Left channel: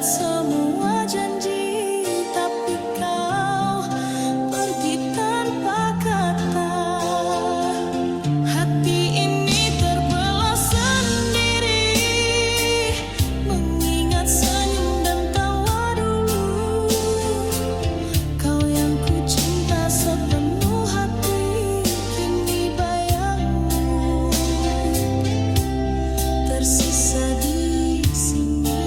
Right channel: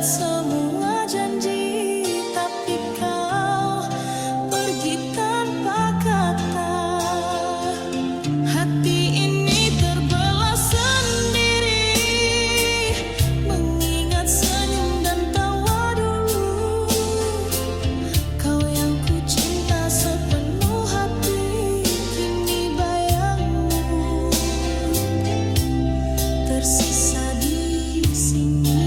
buat semua janji, tapi kau pergi tanpa kata. Hati ini terbelah sendiri, mengingat senyum dan tawa dulu. Kau yang ku cinta sepenuh hati, kini bayangmu tersisa di sini.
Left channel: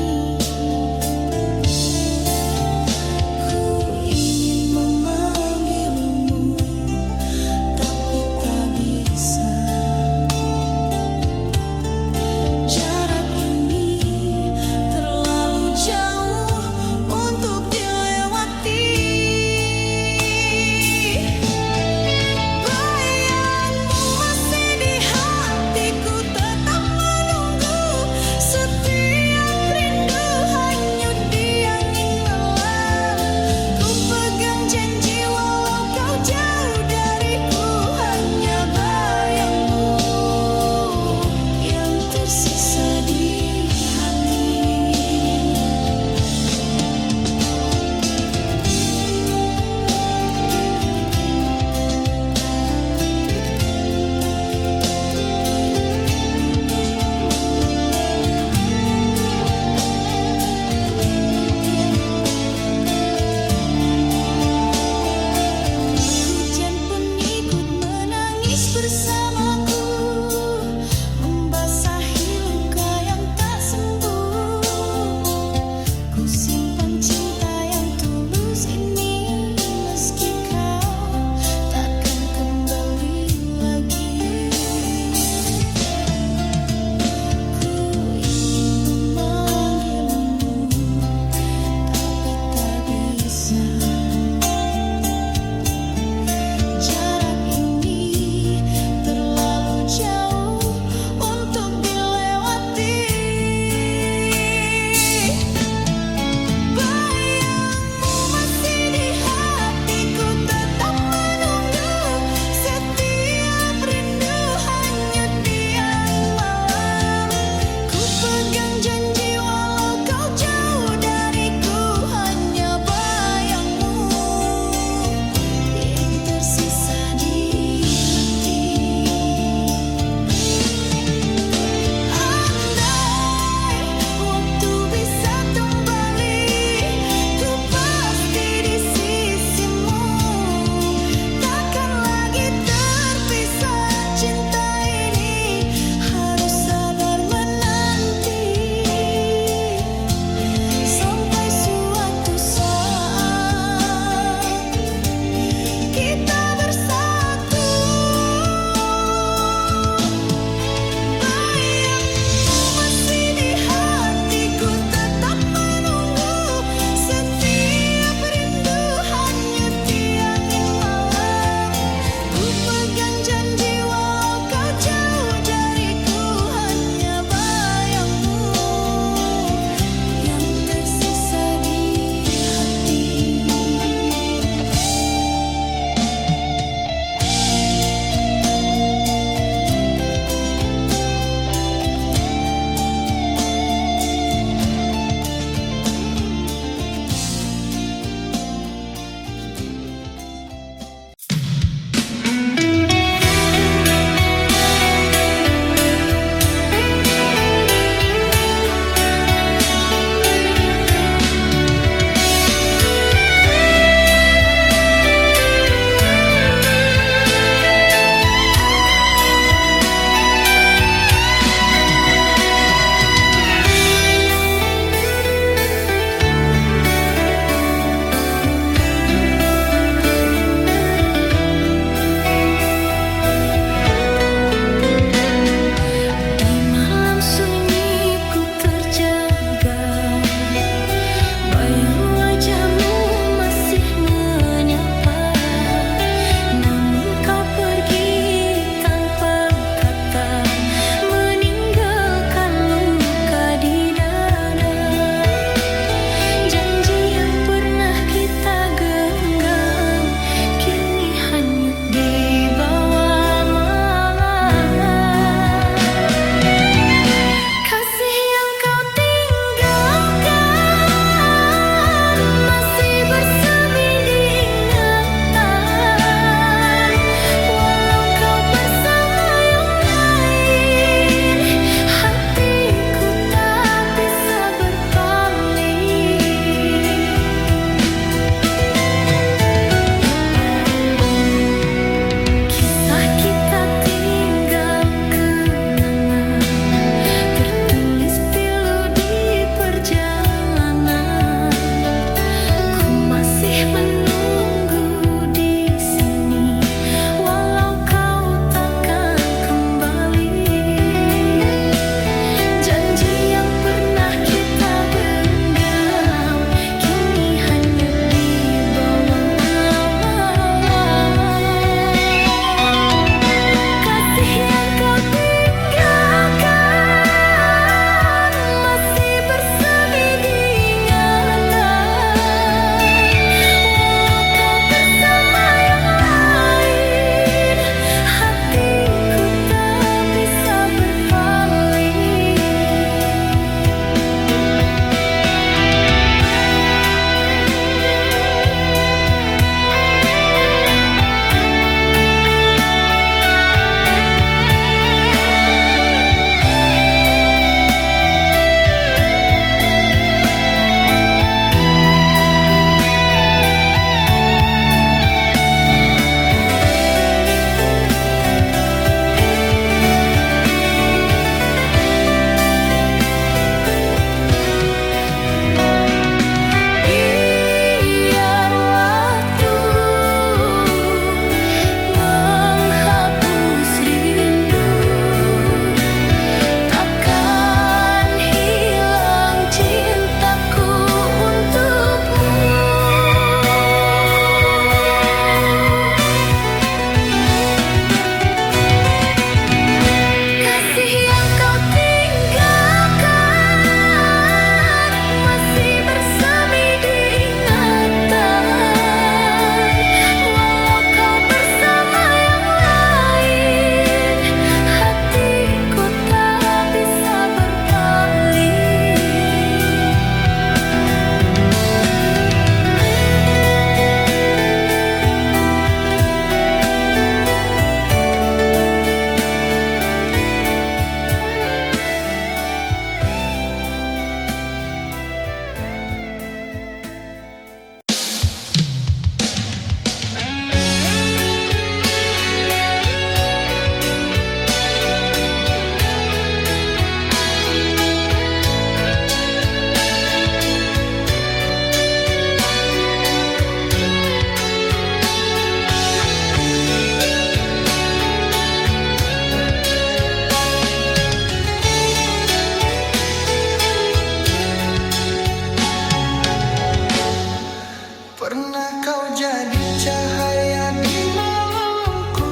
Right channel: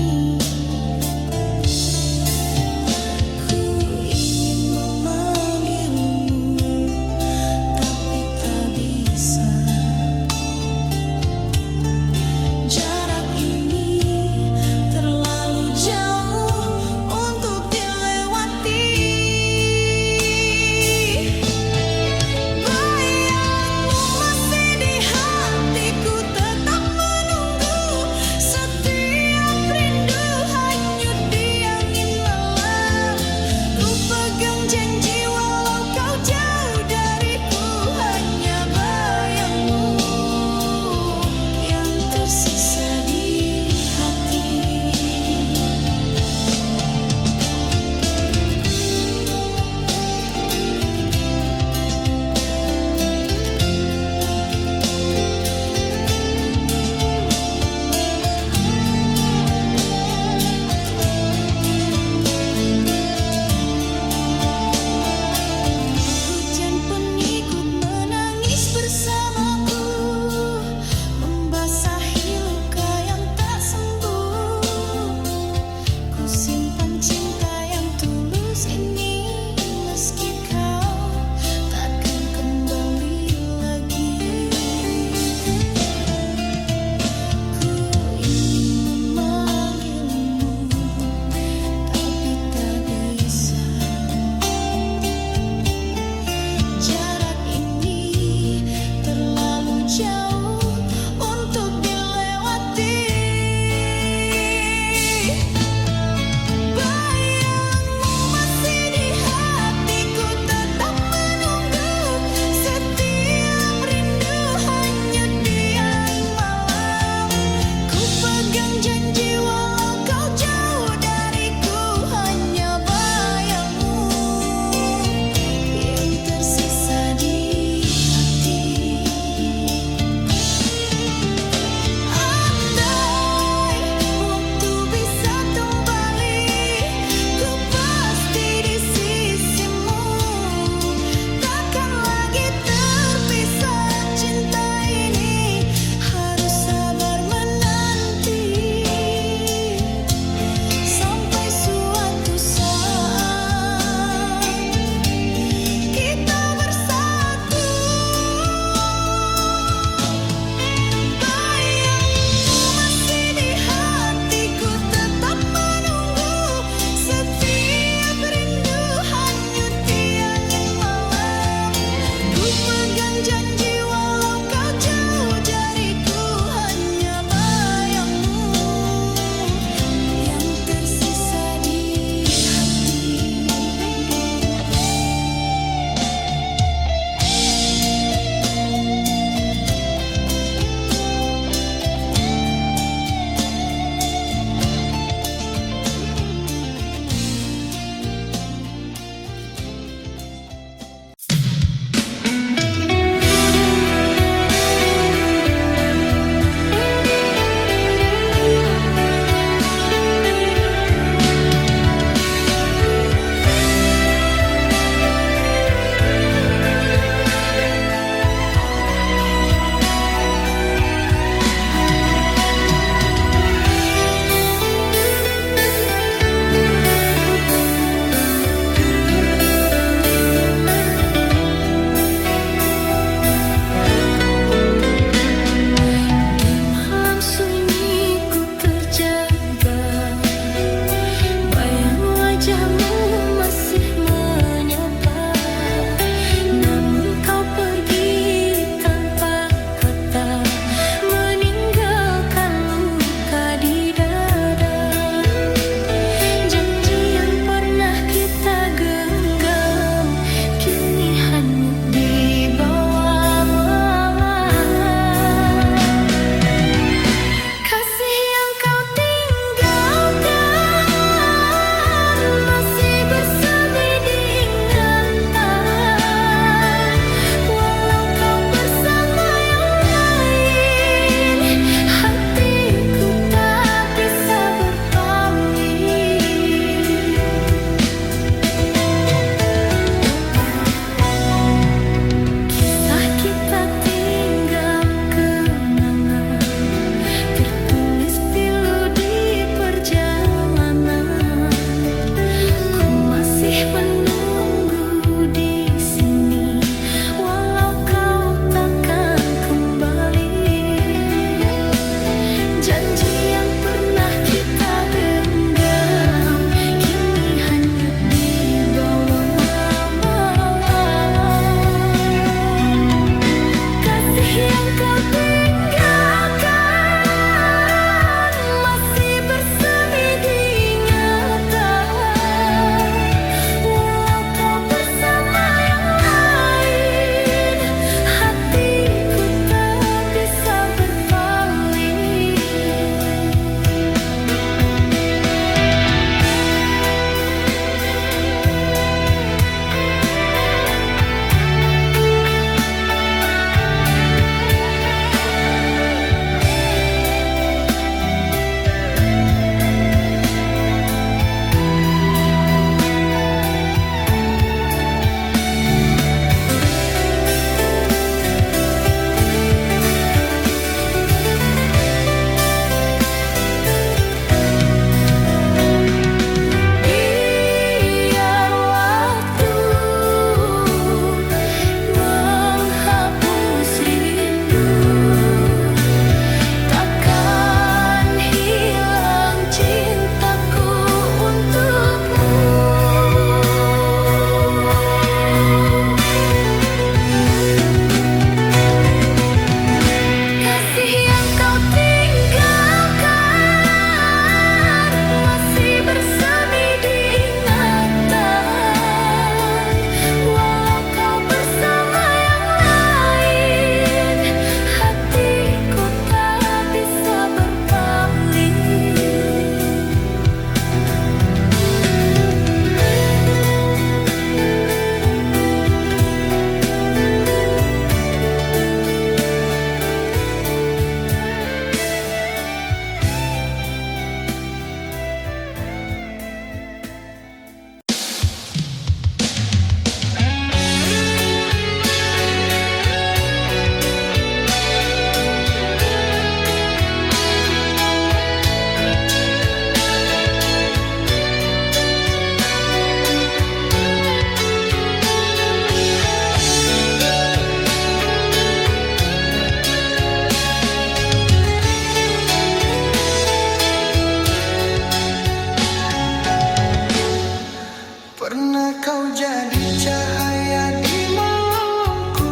Karena kau jadi cahaya di malamku,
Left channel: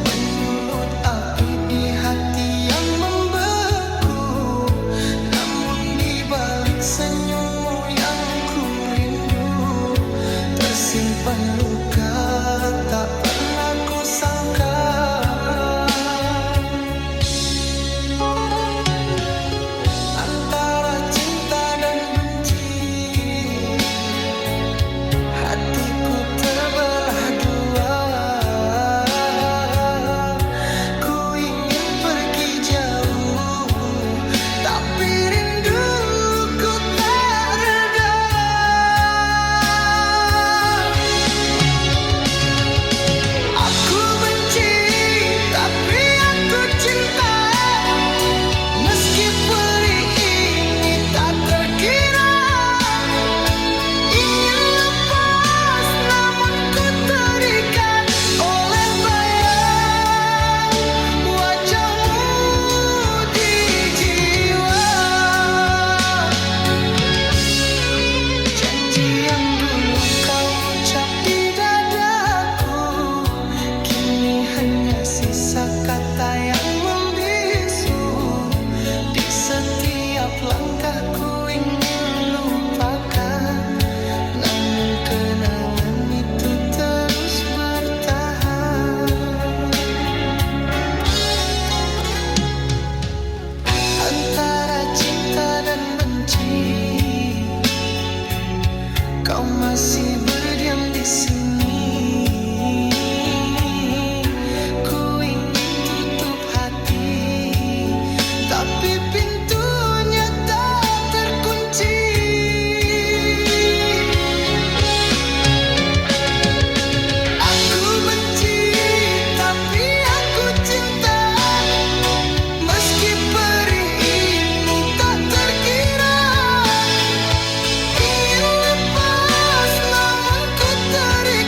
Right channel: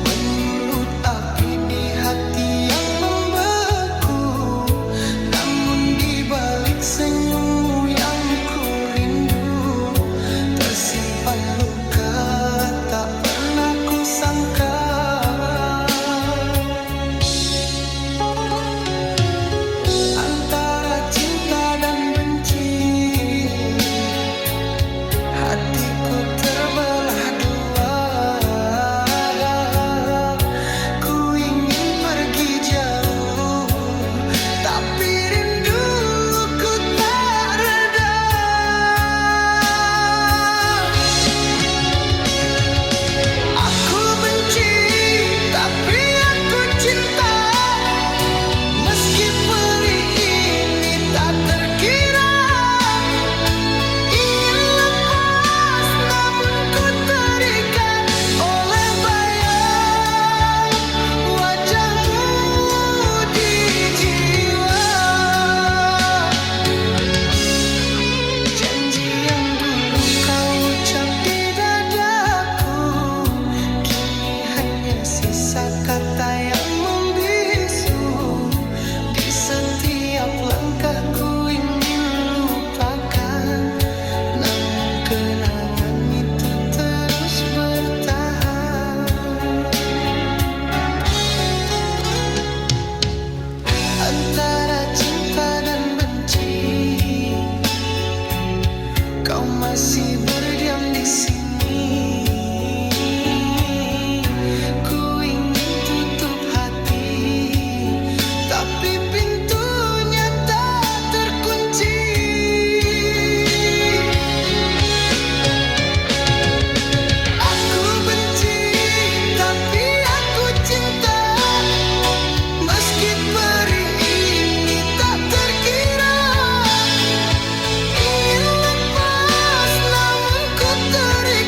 menyulut api di hati yang membeku. Namun di balik senyummu yang ku rindu, tersimpan luka tak pernah ku sangka. Antara cinta dan benci, hatiku terbelah dua. Ku ingin pergi jauh, tapi rinduku tak reda. Aku benci, tapi aku cinta. Meski perih ini tak terkira, ingin lepas namun ku terikat oleh bayang wajahmu di jiwa. Janji yang dulu kau ucap di dadaku, kini hanya sisa kata yang membisu. Di setiap langkahku ingin lupakan, namun kenangan itu terus bertahan. Antara cinta dan benci, kau masih berdiam di sini. Ku ingin tutup hati, tapi pintunya tak terkunci. Aku benci, tapi aku cinta. Meski perih ini tak terkira, ingin lepas namun ku terikat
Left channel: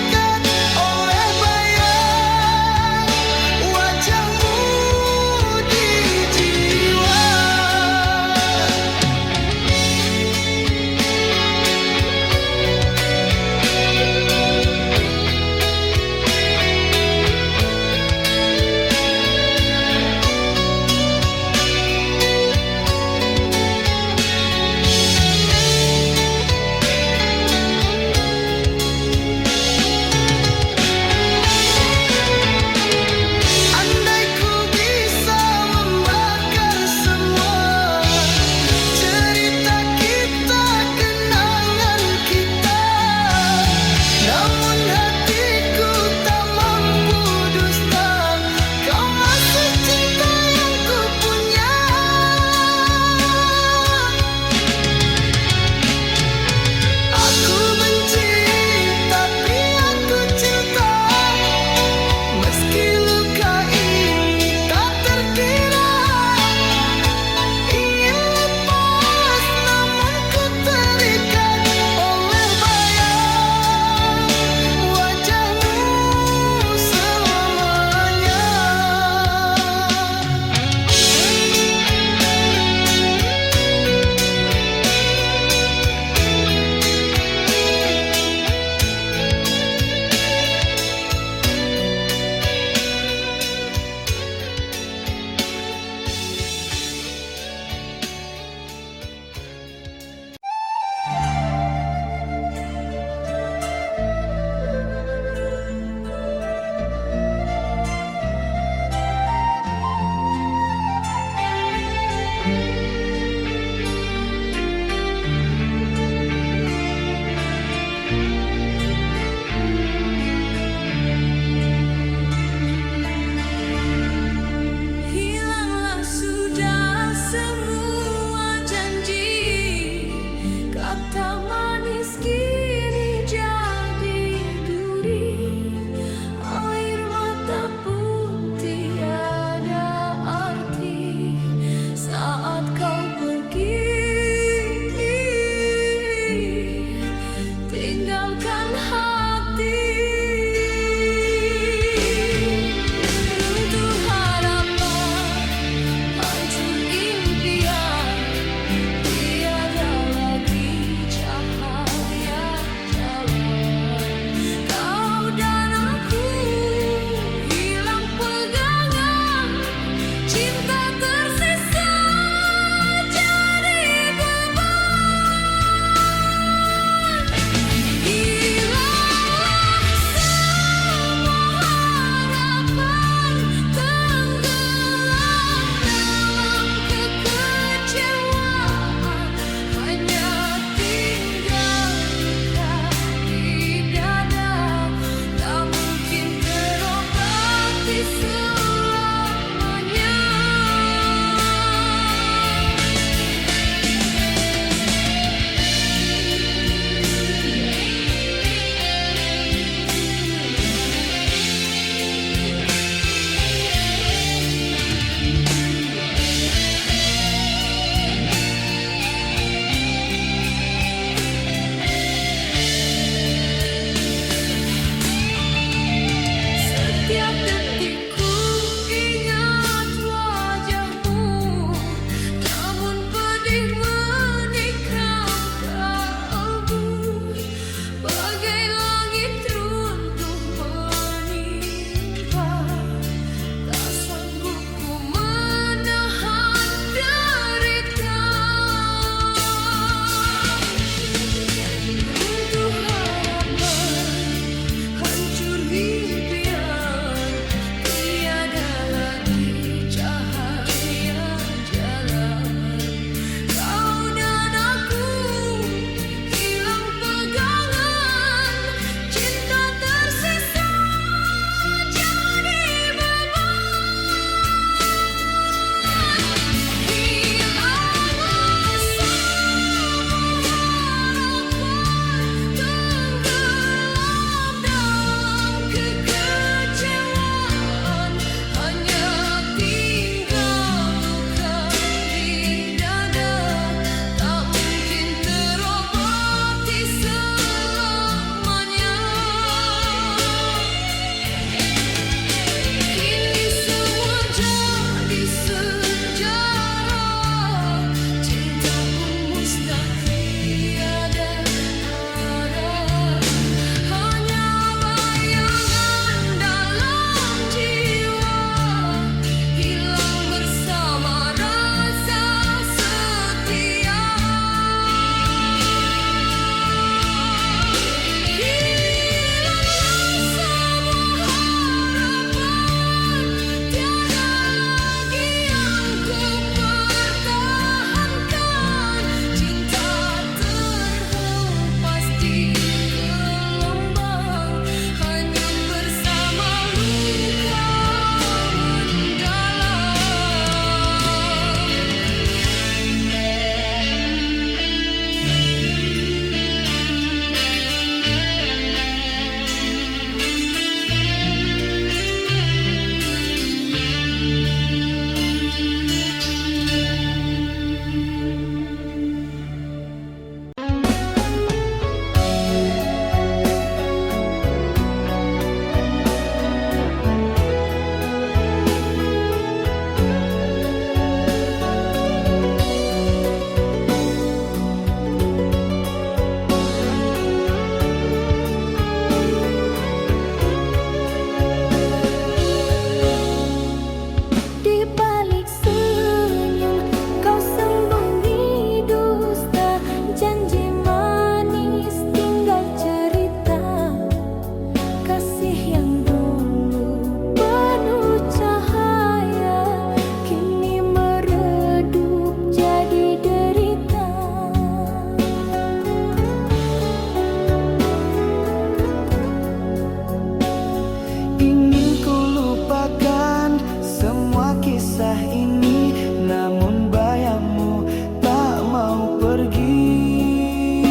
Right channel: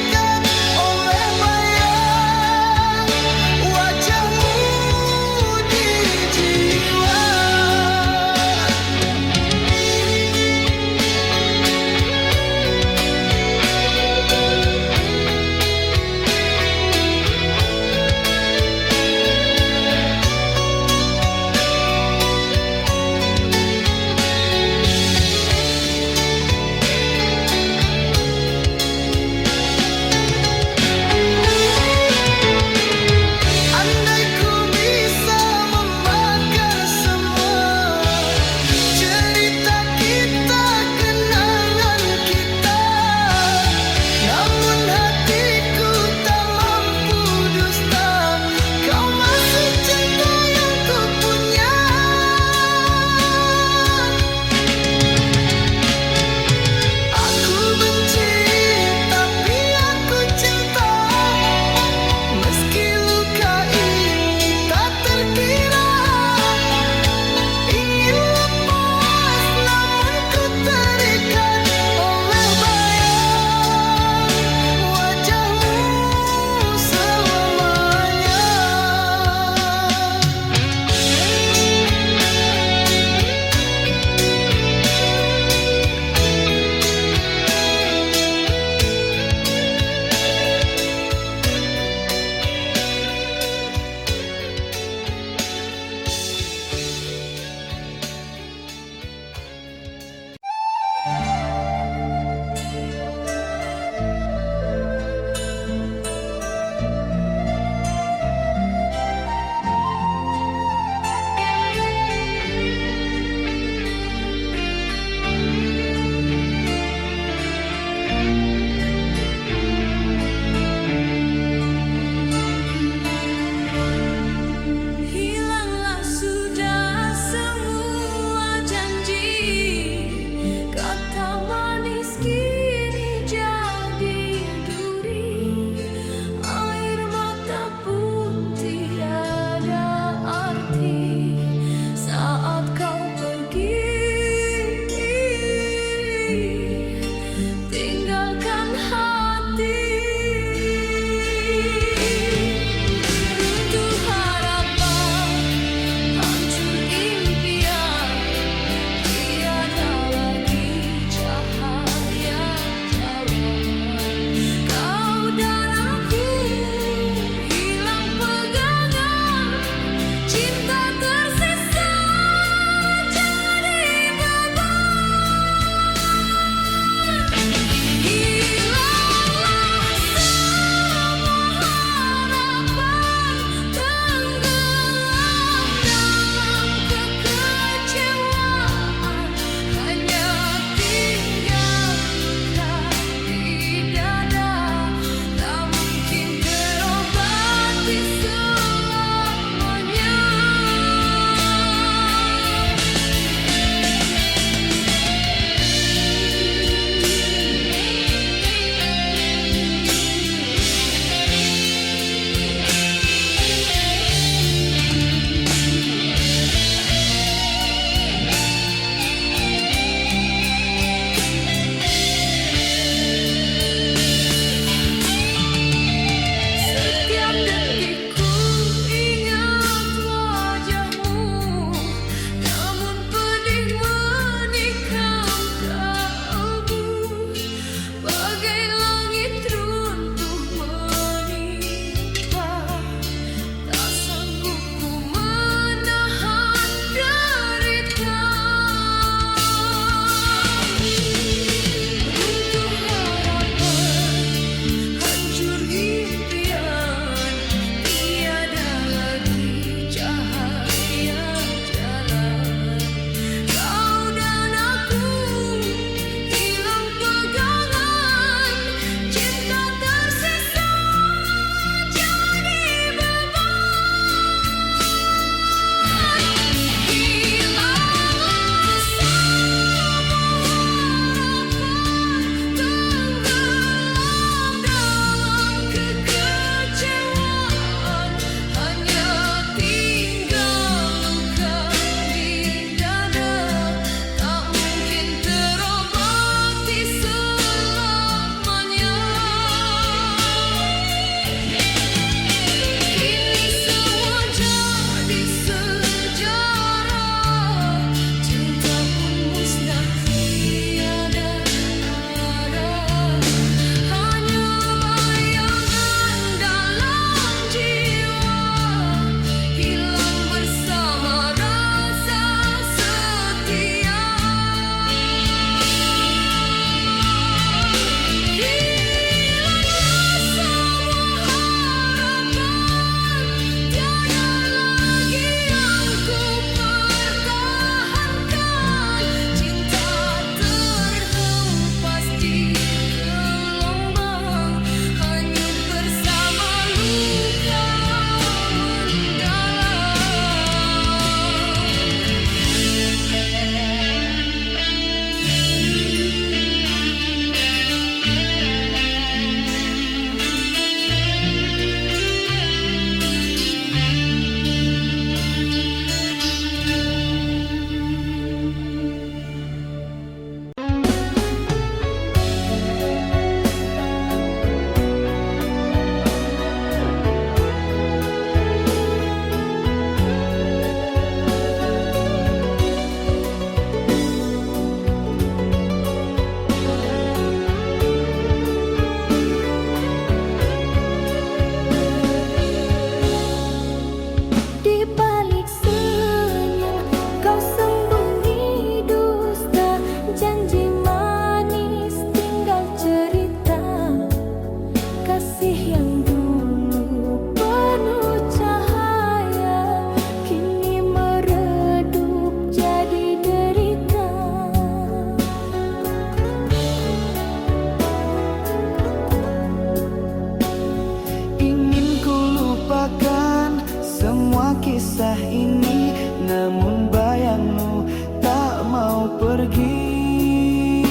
pergi.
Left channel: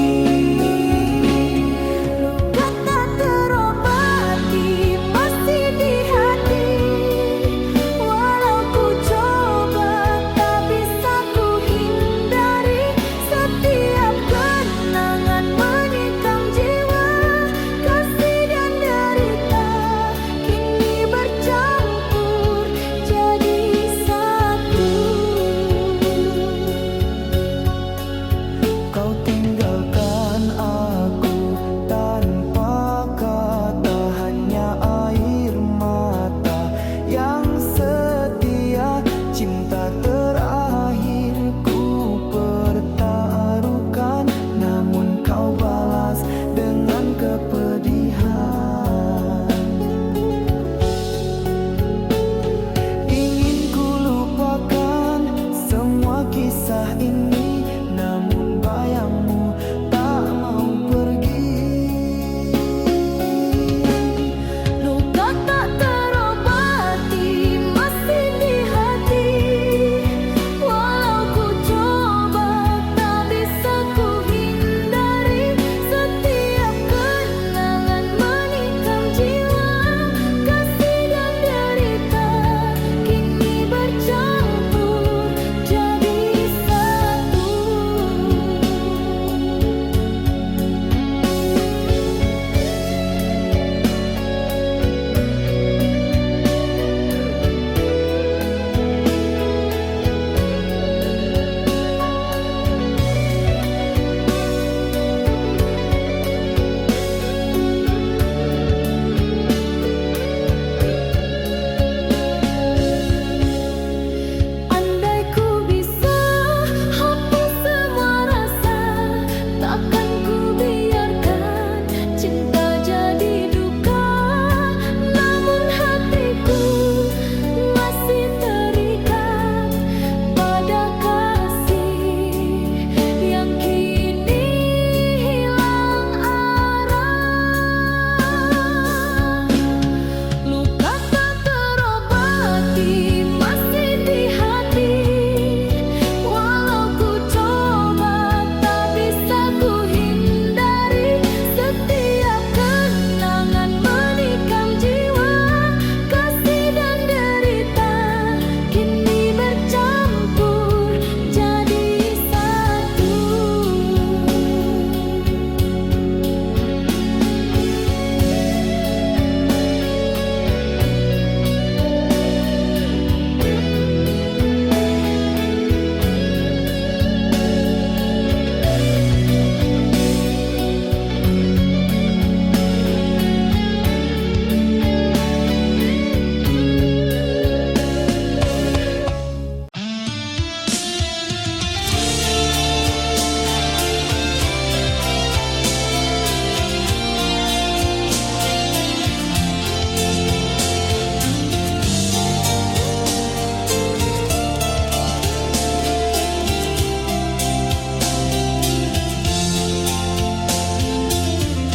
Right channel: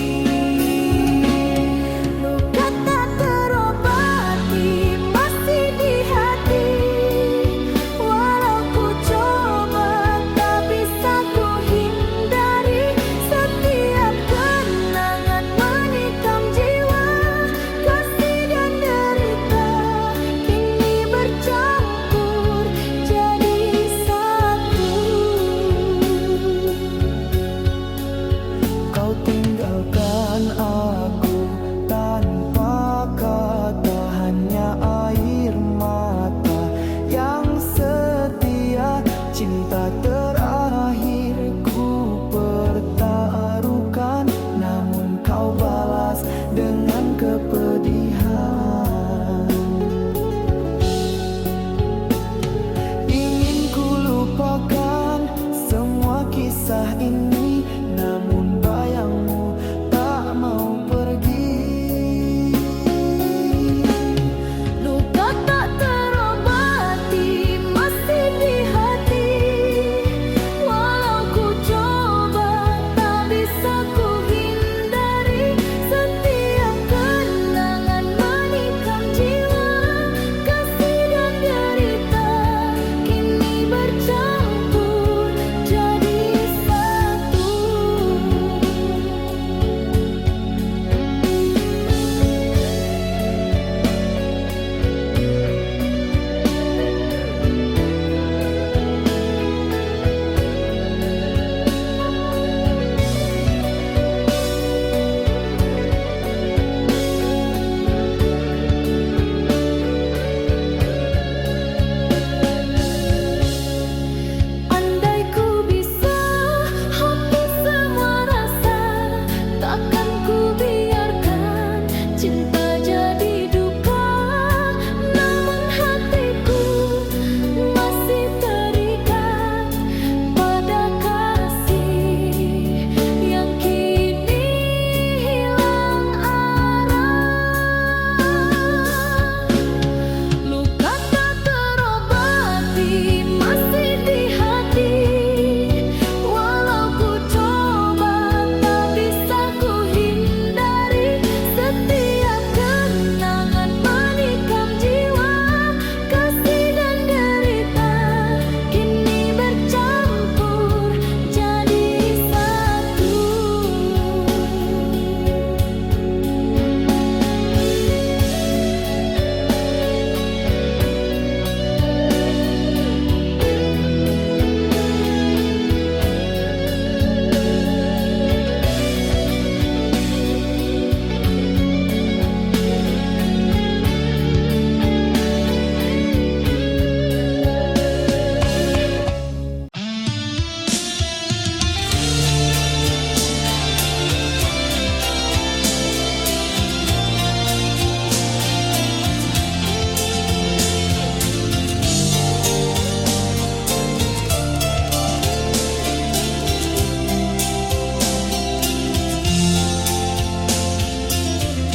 Luka tak terobati masih di hati. Walau ku coba tak bisa ku hindari. Setiap kenangan menikam jiwa. Kasih dan derita kini bercampur jadi satu. Kau tinggalkan aku tanpa kata, hanya air mata yang setia. Cinta terakhirku pertaruhkan, namun kau balas dengan kepedihan. Ingin ku lupakan semua kisah ini, namun bayangmu tak mau pergi. Luka tak terobati masih di hati. Walau ku coba tak bisa ku hindari. Setiap kenangan menikam jiwa. Kasih dan derita kini bercampur jadi satu. Andai ku bisa hapus semua rasa, takkan ku biarkan cinta jadi duka. Namun hatiku masih terikat pada kasih yang kini hilang arah. Luka tak terobati masih di hati. Walau ku coba tak bisa ku hindari. Setiap kenangan menikam jiwa. Kasih dan derita kini bercampur jadi satu.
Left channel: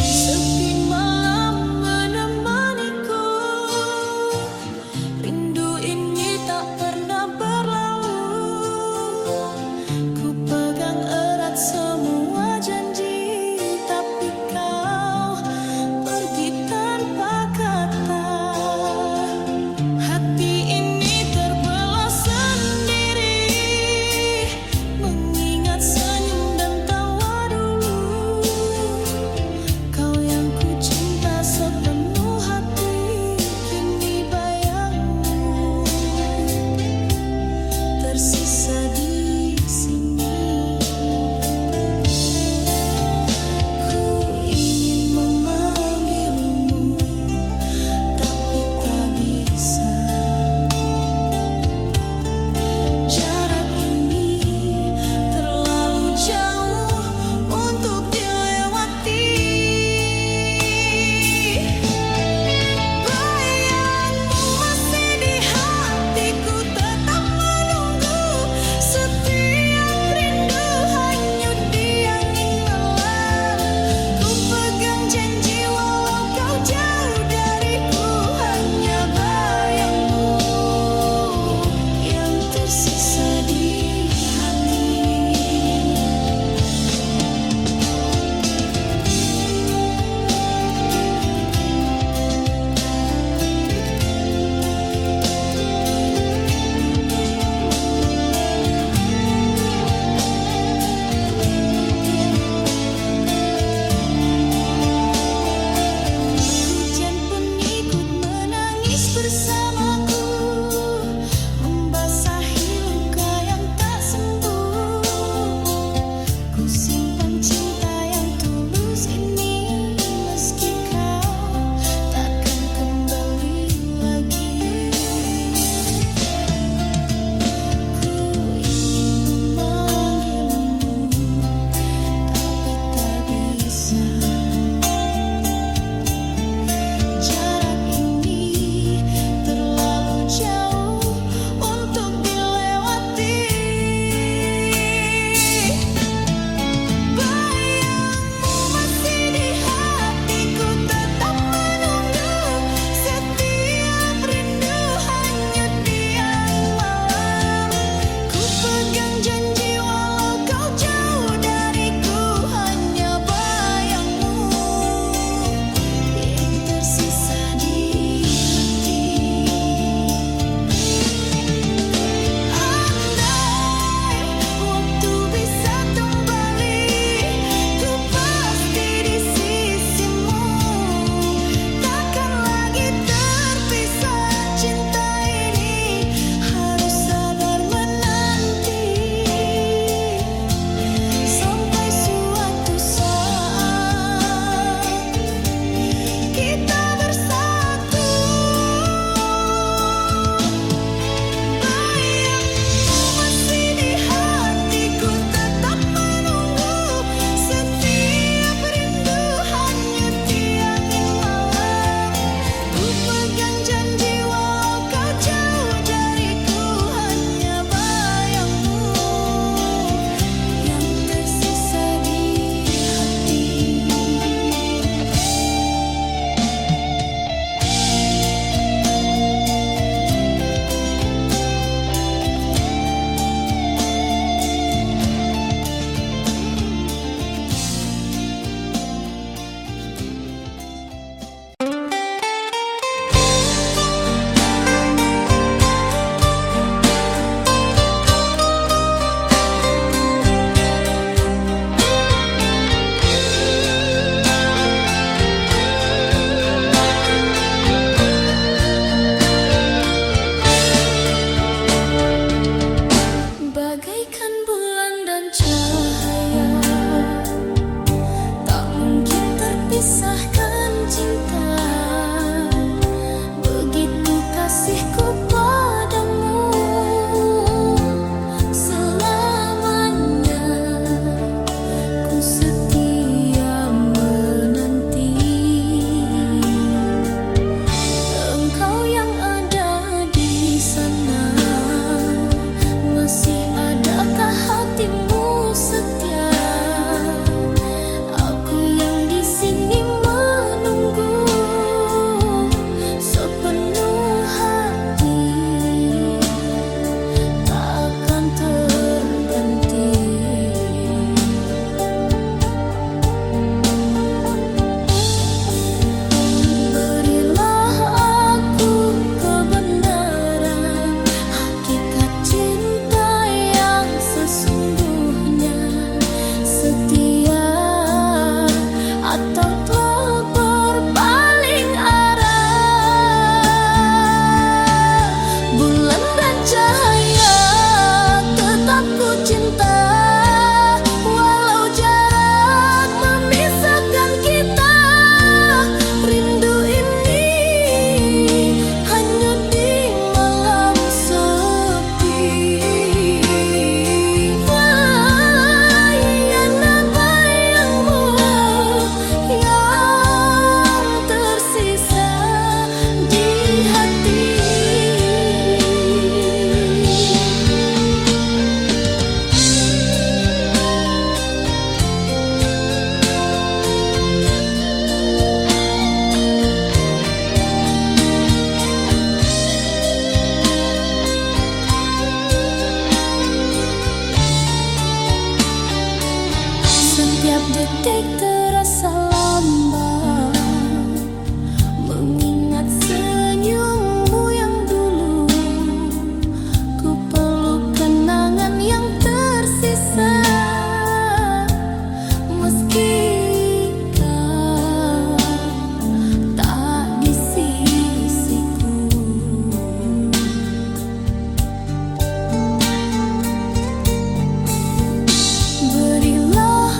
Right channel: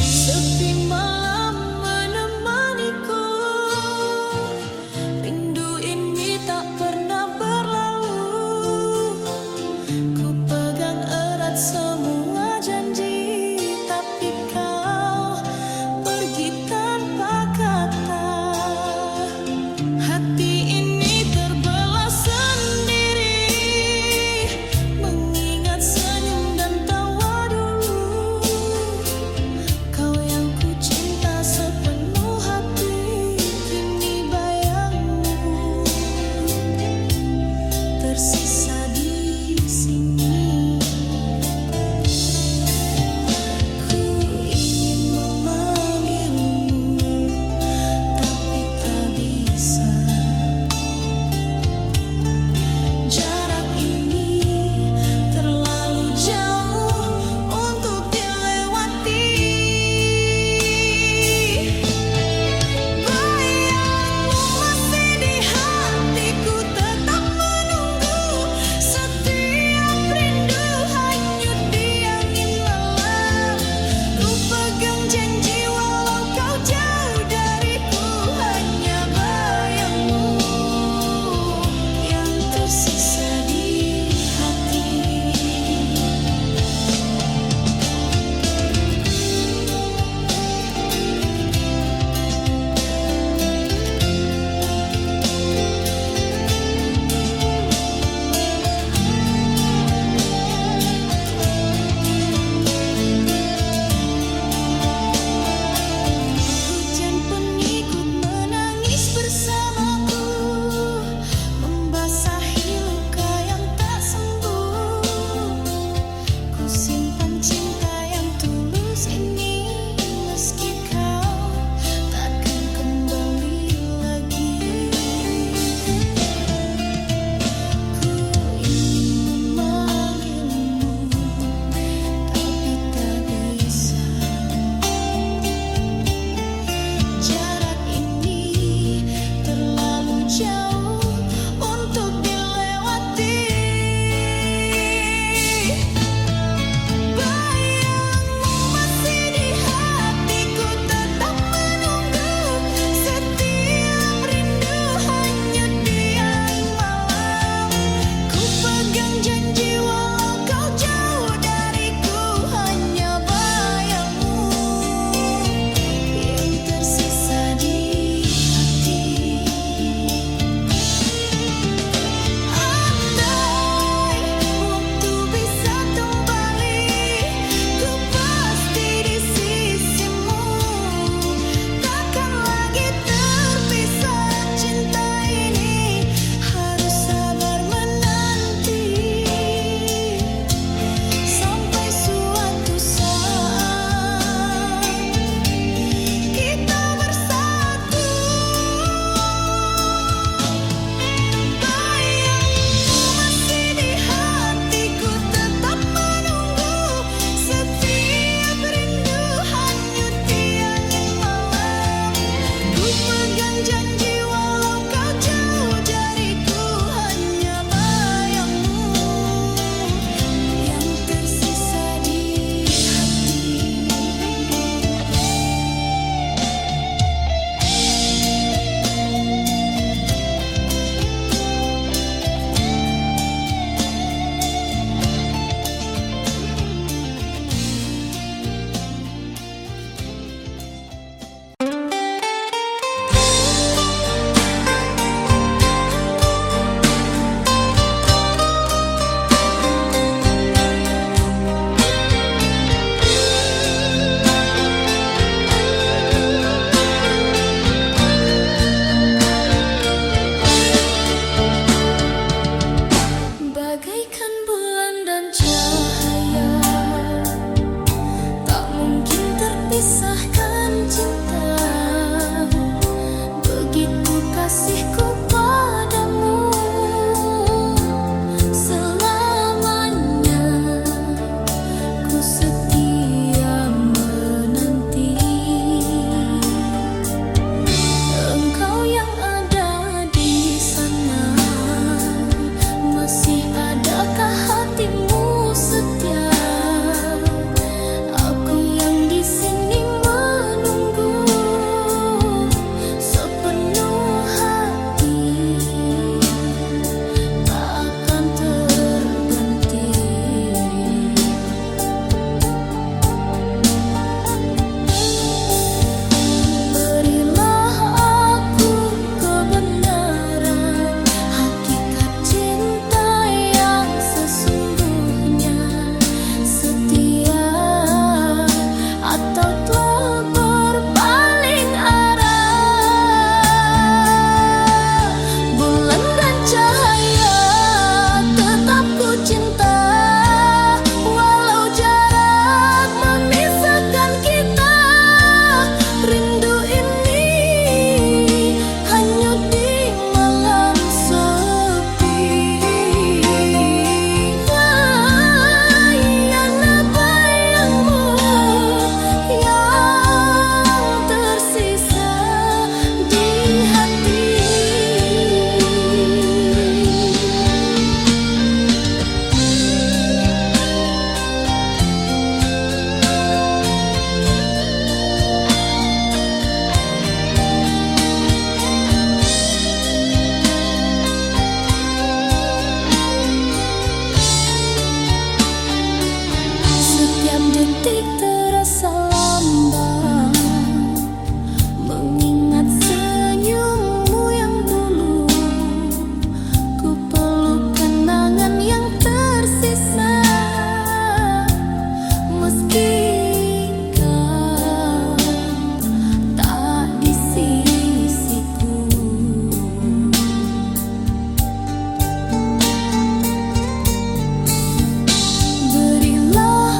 Sepi malam menemaniku. Rindu ini tak pernah berlalu. Ku pegang erat semua janji, tapi kau pergi tanpa kata. Hati ini terbelah sendiri, mengingat senyum dan tawa dulu. Kau yang ku cinta sepenuh hati, kini bayangmu tersisa di sini. simpan cinta yang tulus ini, meski kau takkan kembali lagi. Ku ingin memanggilmu, tapi tak bisa. Jarak ini terlalu jauh untuk dilewati. Bayangmu masih di hatiku, tetap menunggu. Setiap rindu hanyut di angin malam. Ku pegang janji walau kau jauh dariku, hanya bayangmu yang tersisa di hati. Andai waktu bisa kembali, ku pasti di sisimu. Takkan lagi terpisah, cinta ini harus sabar menanti. Sampai suatu saat kita bersatu. Bayangmu masih di hatiku, tetap menunggu. Setiap rindu hanyut di angin malam. Ku pegang janji walau kau jauh dariku, hanya bayangmu yang tersisa di hati. Bagaikan bulan dan cahaya, tak mungkin terpisahkan cinta. Begitu kasihku padamu, selamanya ku setia menanti. Engkau yang ada di sana, masih adakah hatimu setia? Aku yang di sini menunggu sepenuh hati, takkan terganti. Berilah aku kebenaran, hakikat cinta yang sesungguhnya. Setia atau telah berpaling arah. Bulan dan cahaya tetap ku cinta, walau jarak memisahkan kita. Rindu ini hanyut di malam sepi. Hanya bayangmu yang tersisa di hati. Setiap detik terasa lambat, mengingat senyummu yang dulu. Ku peluk kenangan yang tersisa, meski kau tak di sisiku. Berilah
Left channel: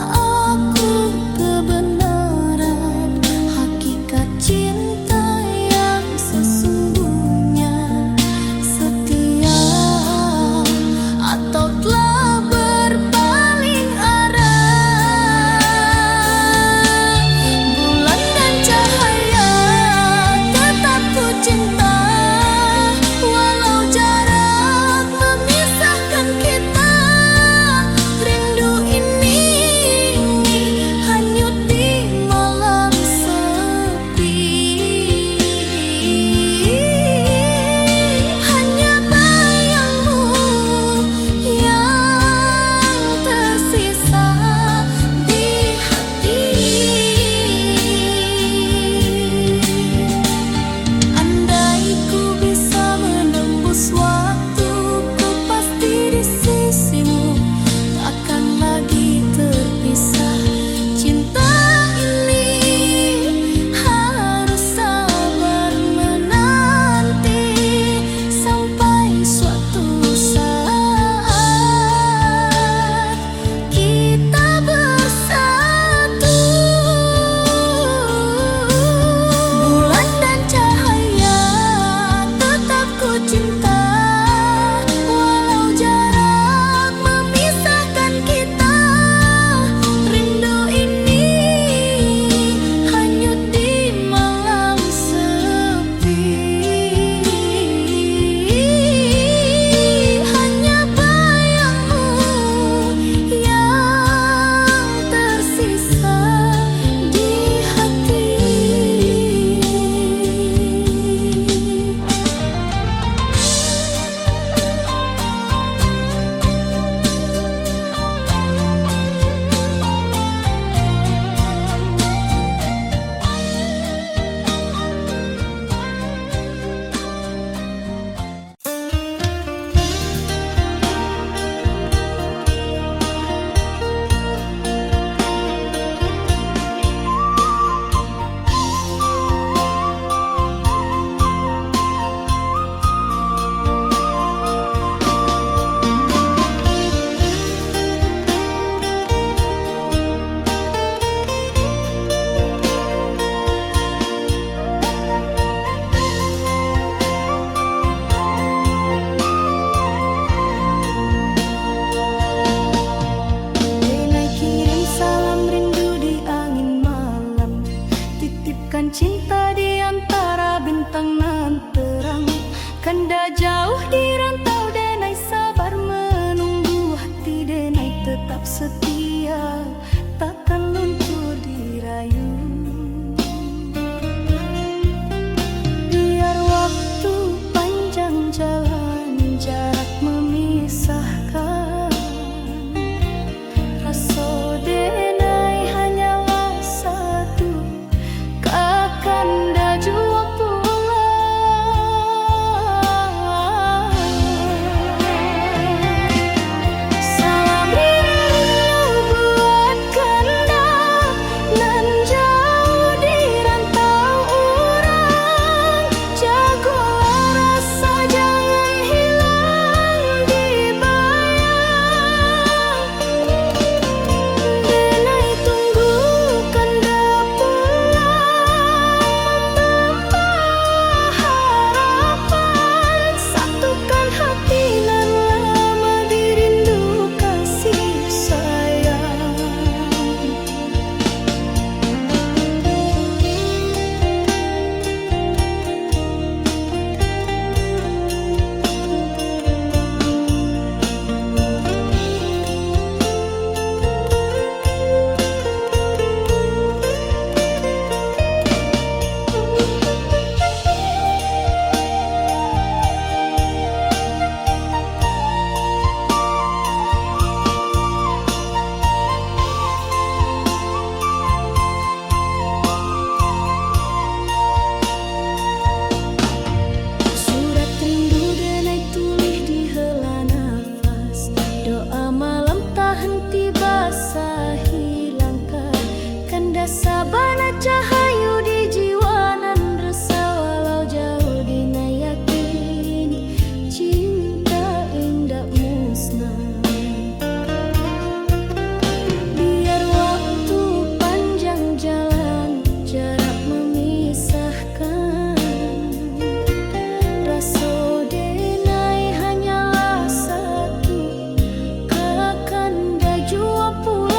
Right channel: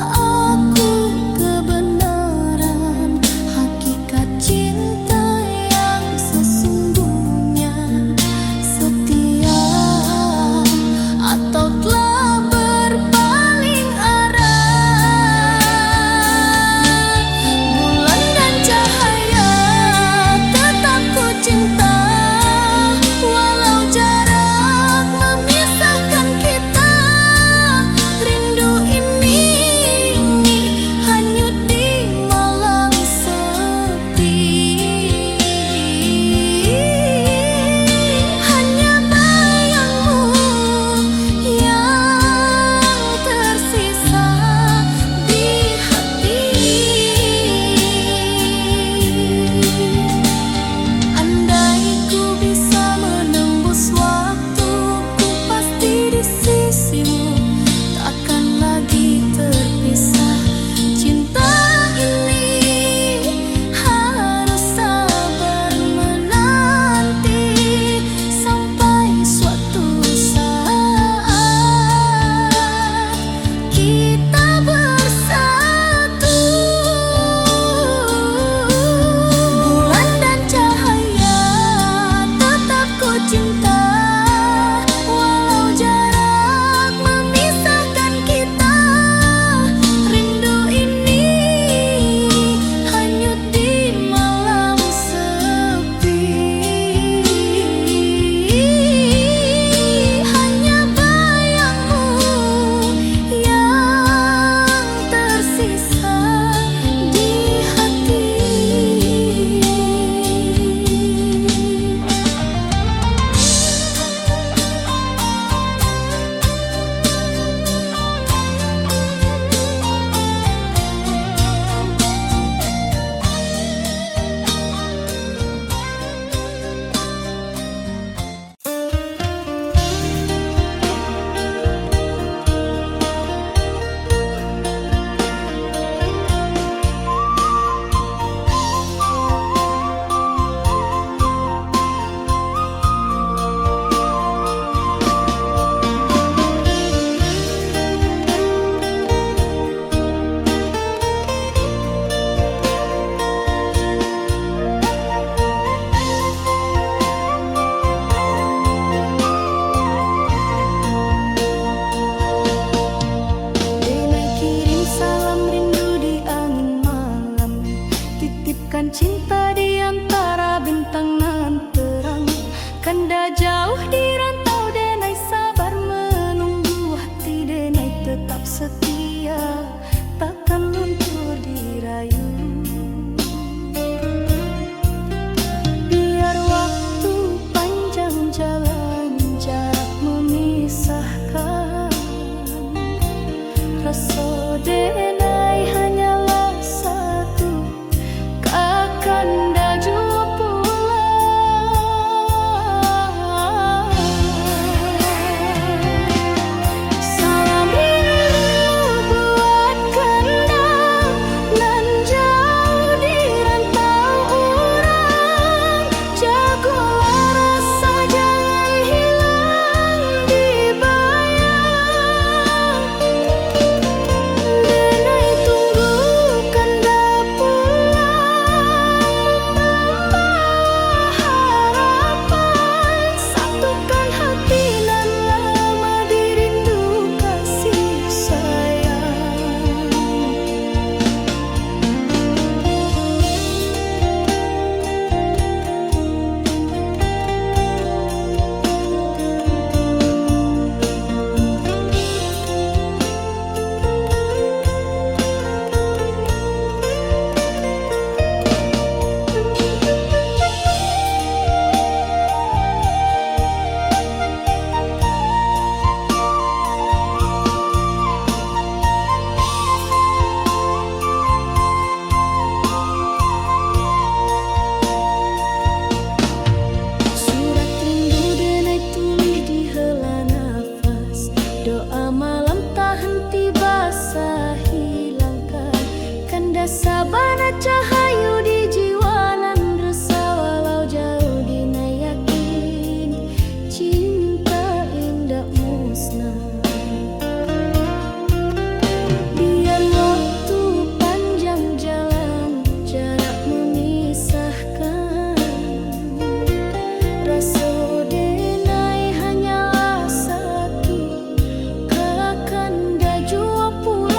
salam rindu di angin malam. Titipkan cinta di antara bintang nan terang. Kanda jauh di rantau denai sabar menunggu. Hati denai tetap setia, takkan luntur dirayu. Biar waktu panjang jalan, jarak memisahkan. Rasa denai hanyalah satu, kakanda jua pulang. Salam rindu buat kanda nan jauh di rantau urang. Jagolah rasa jangan hilang di bayang. Denai tunggu kanda pulang, membawa harapan. Satukan hati nan lama dirindu kasih sayang. Surat rindu denai tulis di hela nafas. Doa malam tak henti basahi langkah. Kanda sabana cahayu di jiwa nan resah. Walau jauh dina yakin cinta indah musnah. Biar waktu panjang jalan, jarak memisahkan. Rasa denai hanyalah satu, kakanda jua pulang.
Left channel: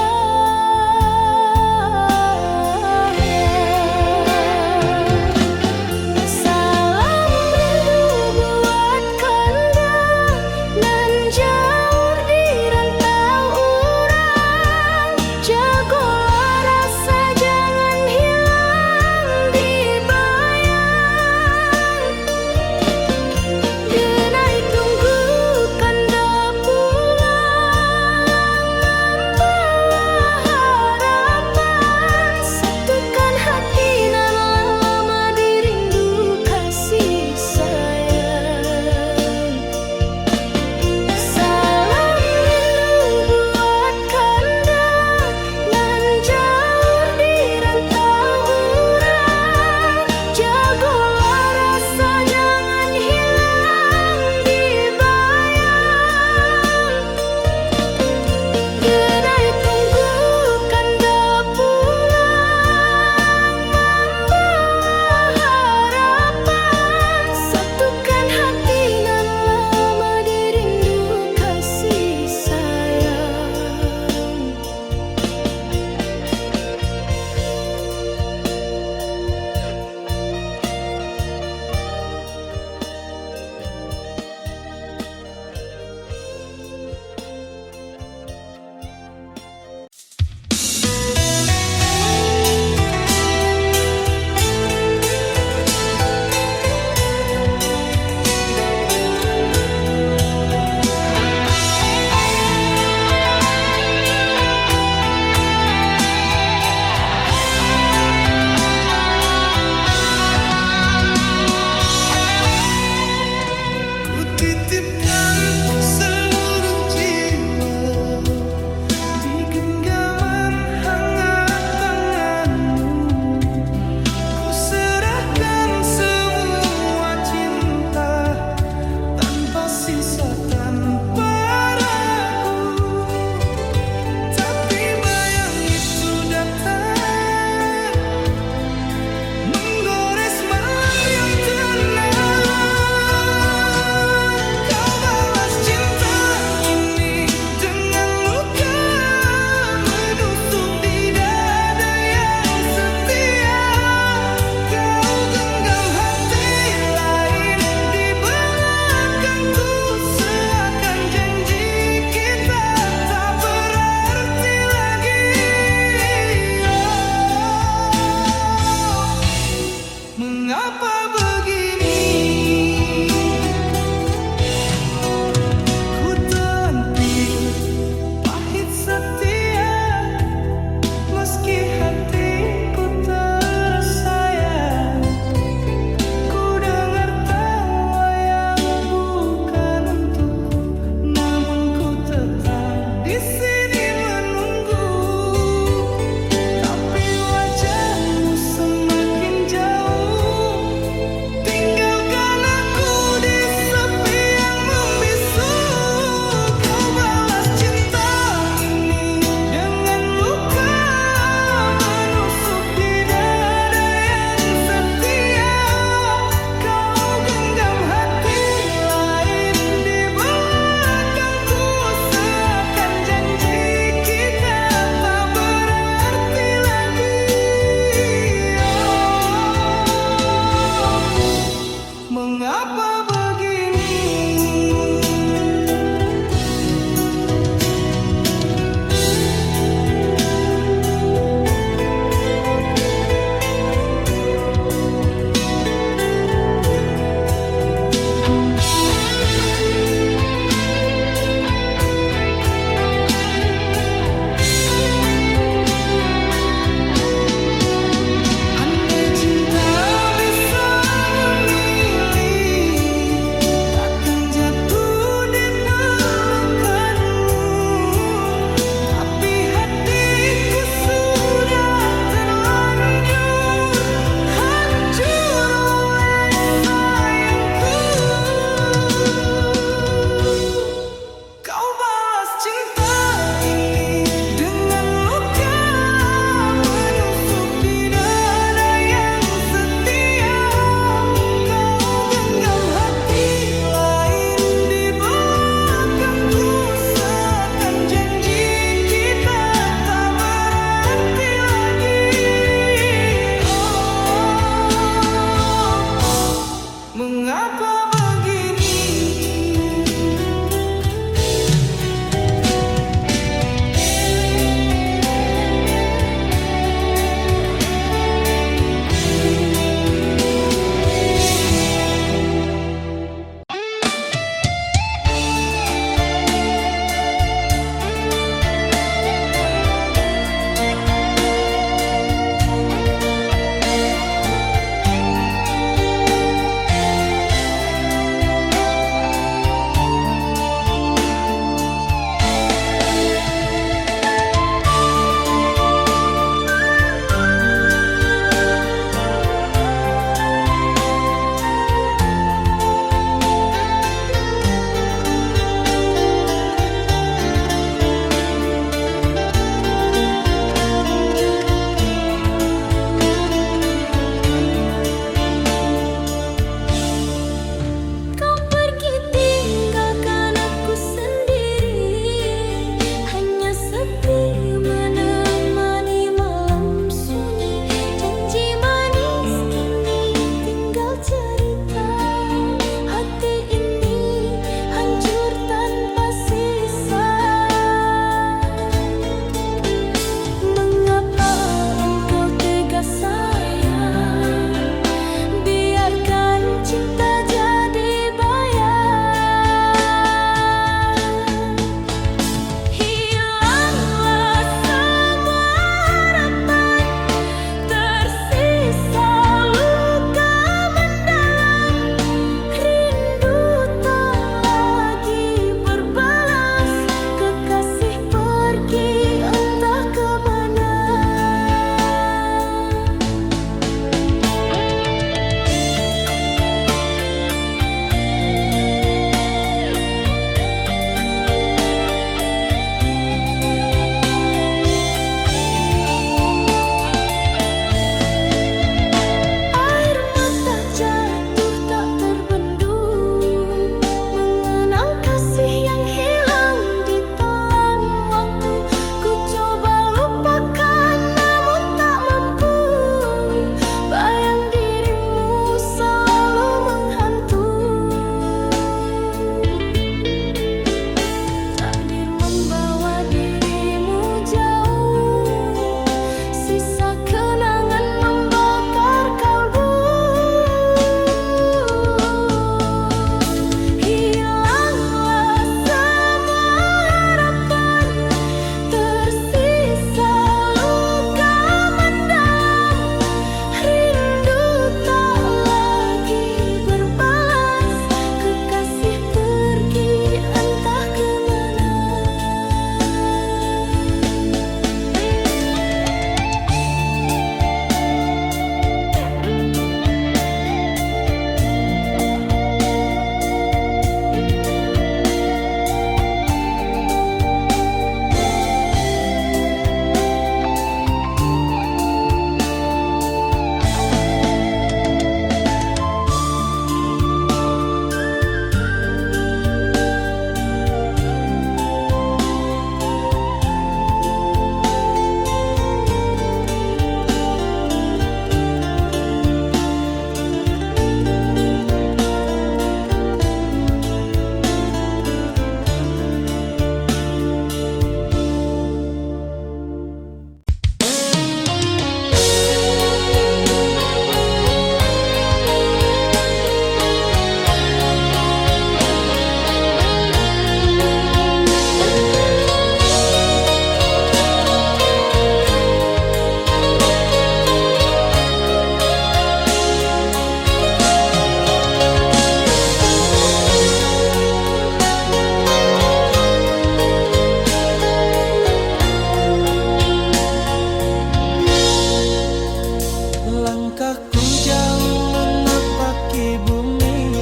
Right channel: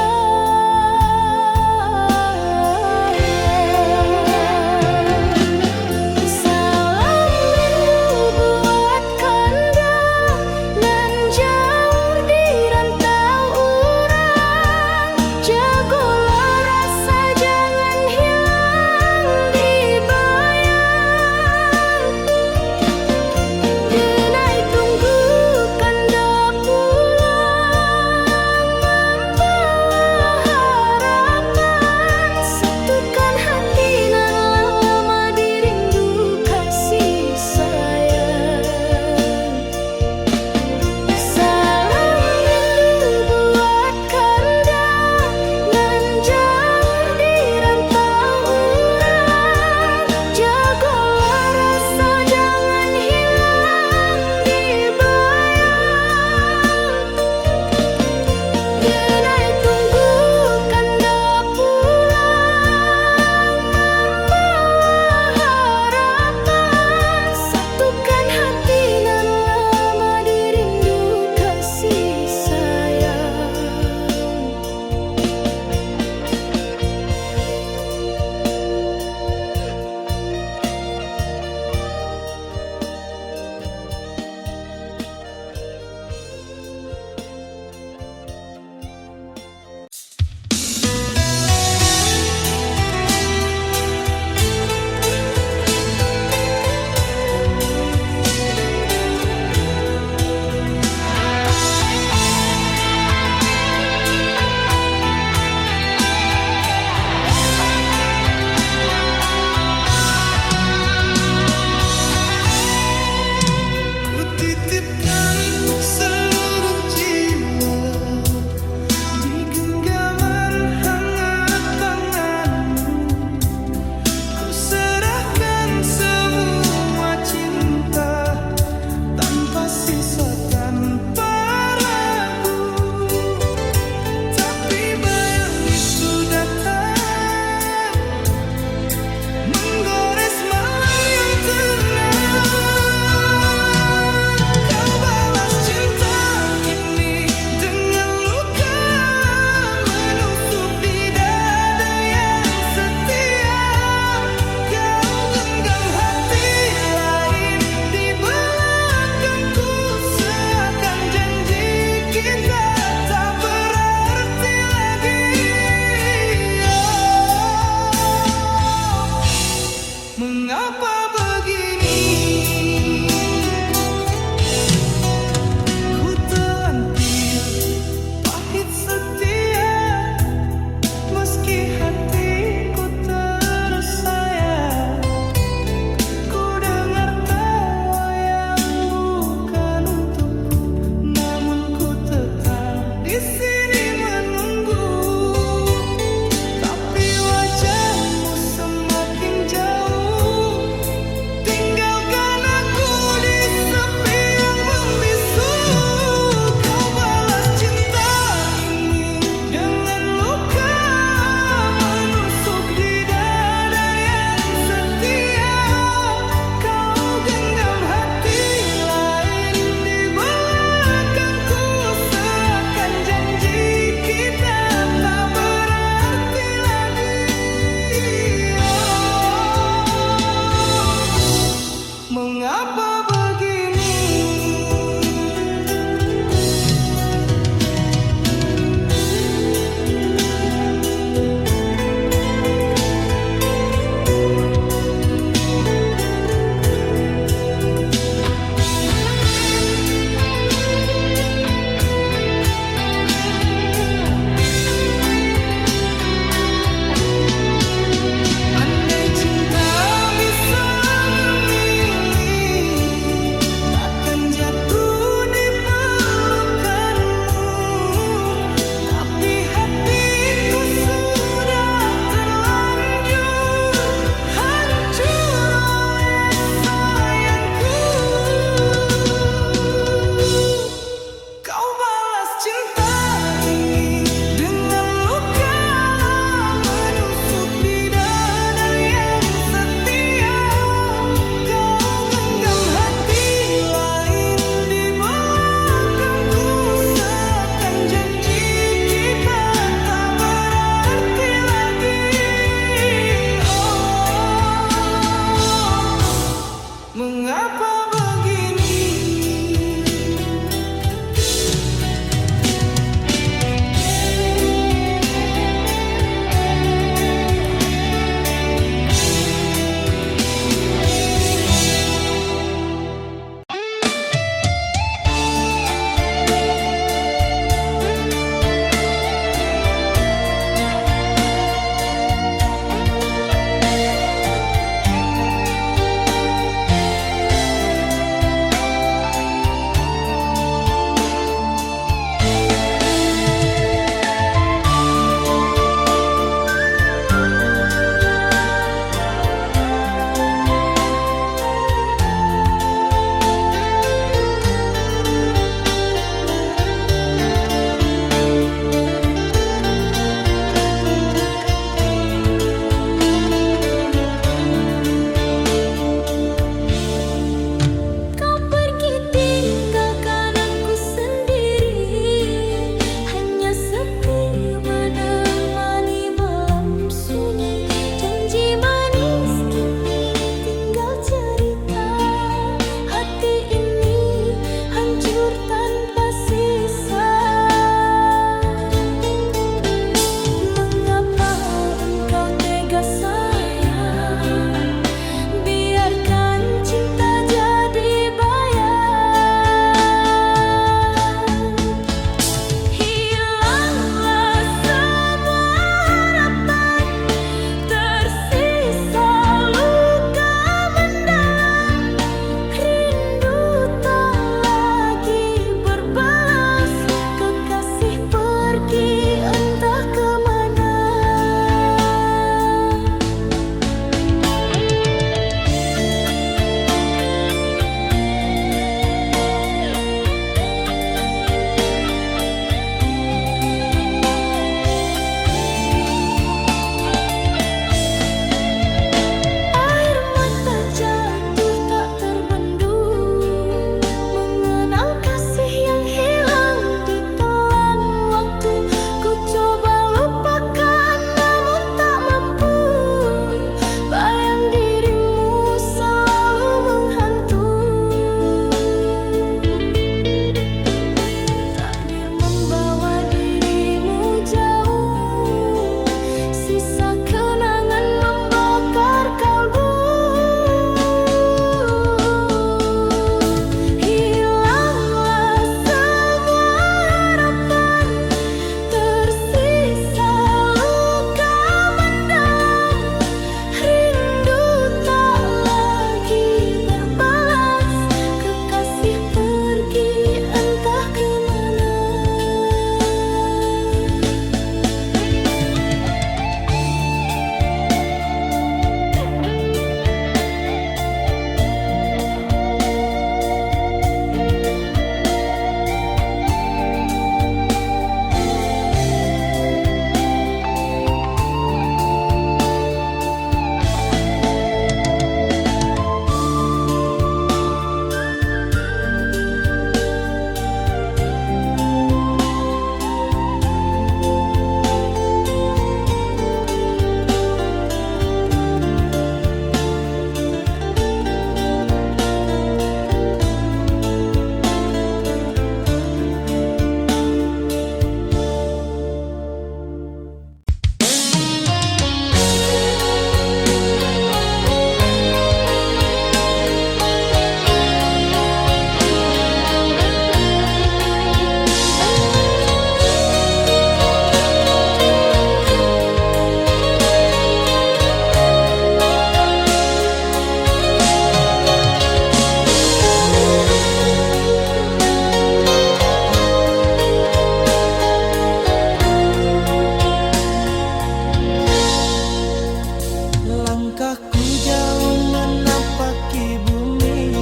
Langkahku jauh menapaki bumi,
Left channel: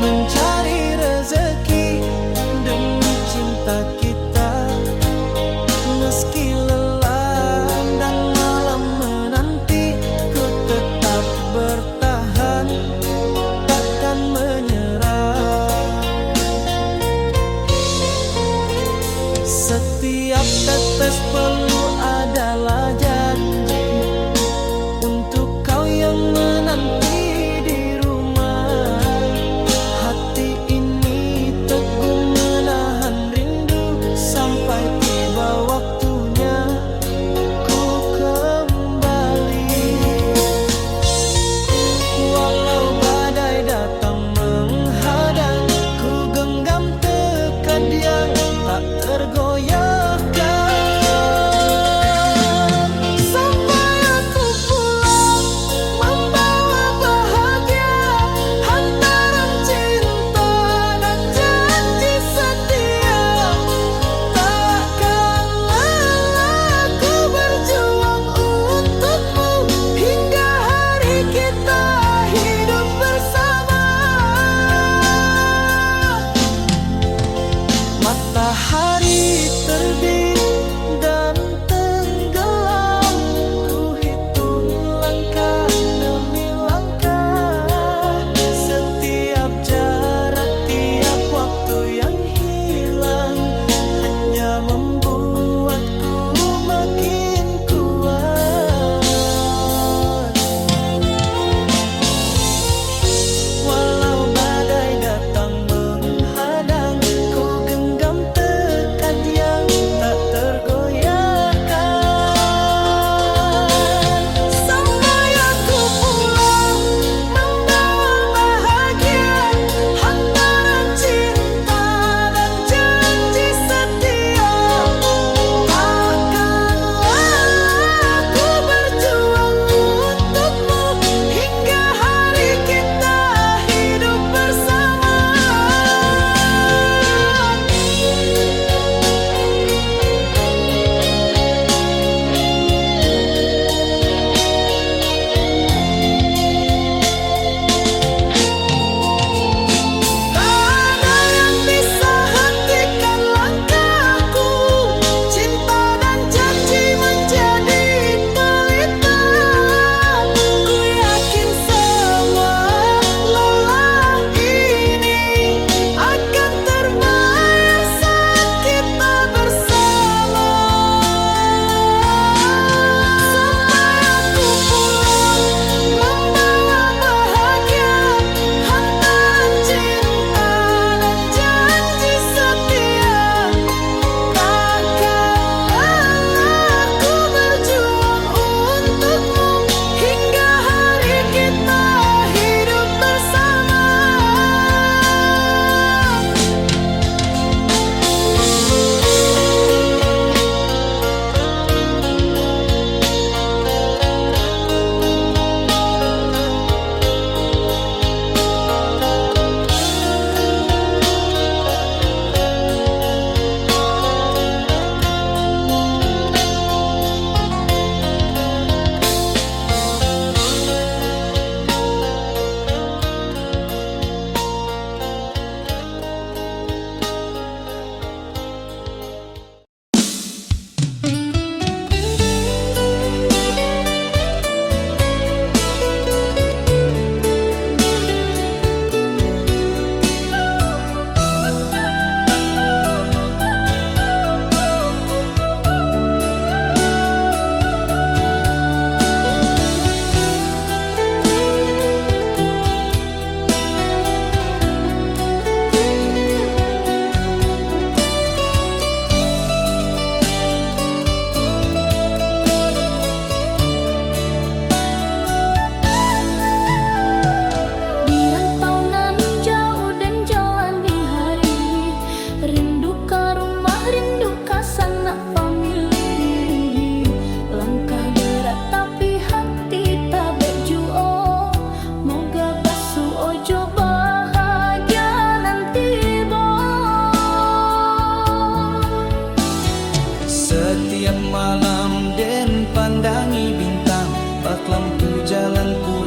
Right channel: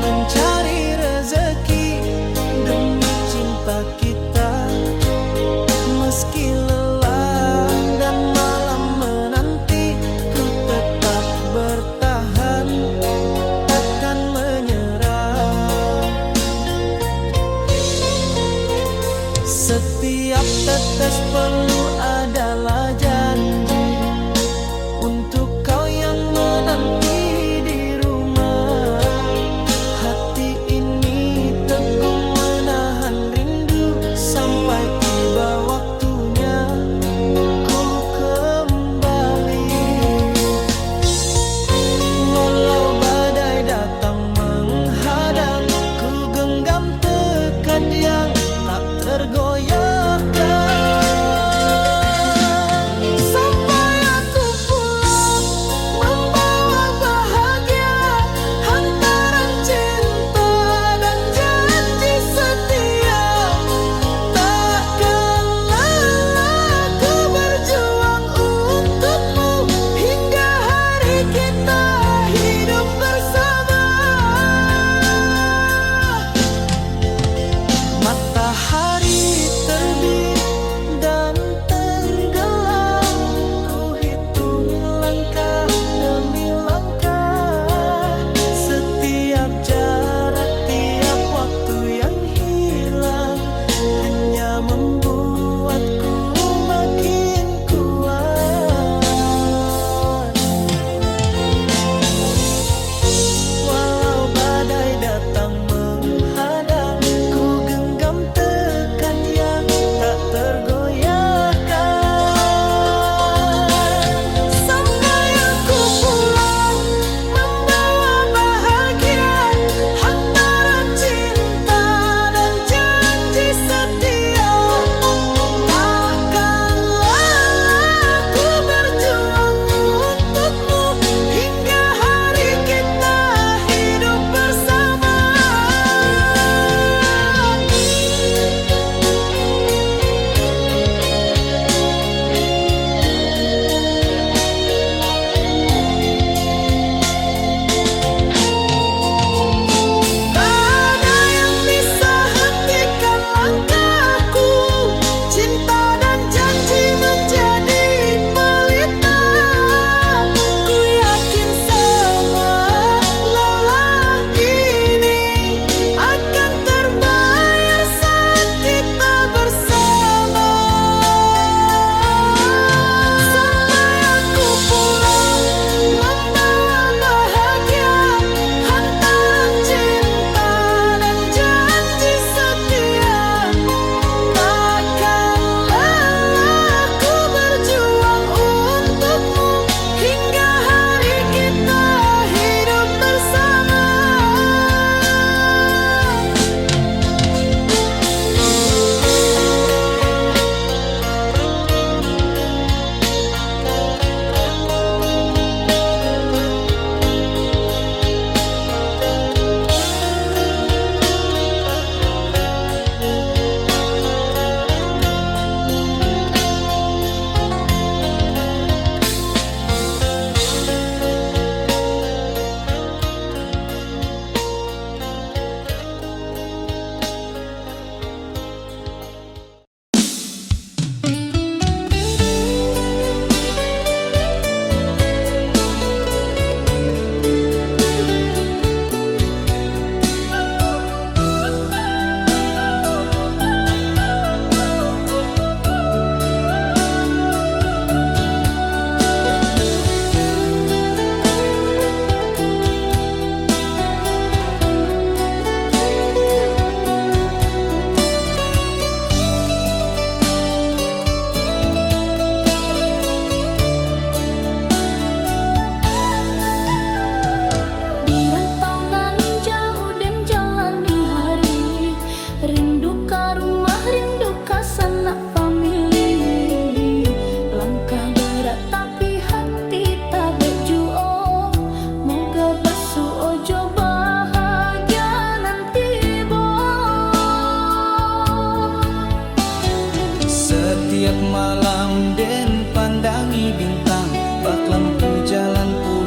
mencari rezeki demi cinta kita. Meski lelah dan malam menanti, ku tetap bertahan, takkan menyerah. Setiap tetes peluh adalah janji untuk kau yang menanti di rumah. Hati ini teguh menahan rindu sampai tiba waktunya ku kembali. Walau badai datang menghadang, ku genggam tekad yang tak tergoyahkan. Matahari terbit dan tenggelam, ku hitung langkah demi langkah. Setiap jarak, tiap waktu yang hilang hanya membuatku makin kuat. Walau badai datang menghadang, tekad yang tak tergoyahkan. Sampai aku pulang membawa bahagia, hantaran cinta dan janji setia. Takkanlah aku berjuang untukmu hingga hari kita hidup bersama. Setiap malam den pandangi bintang, bak lampu jalanku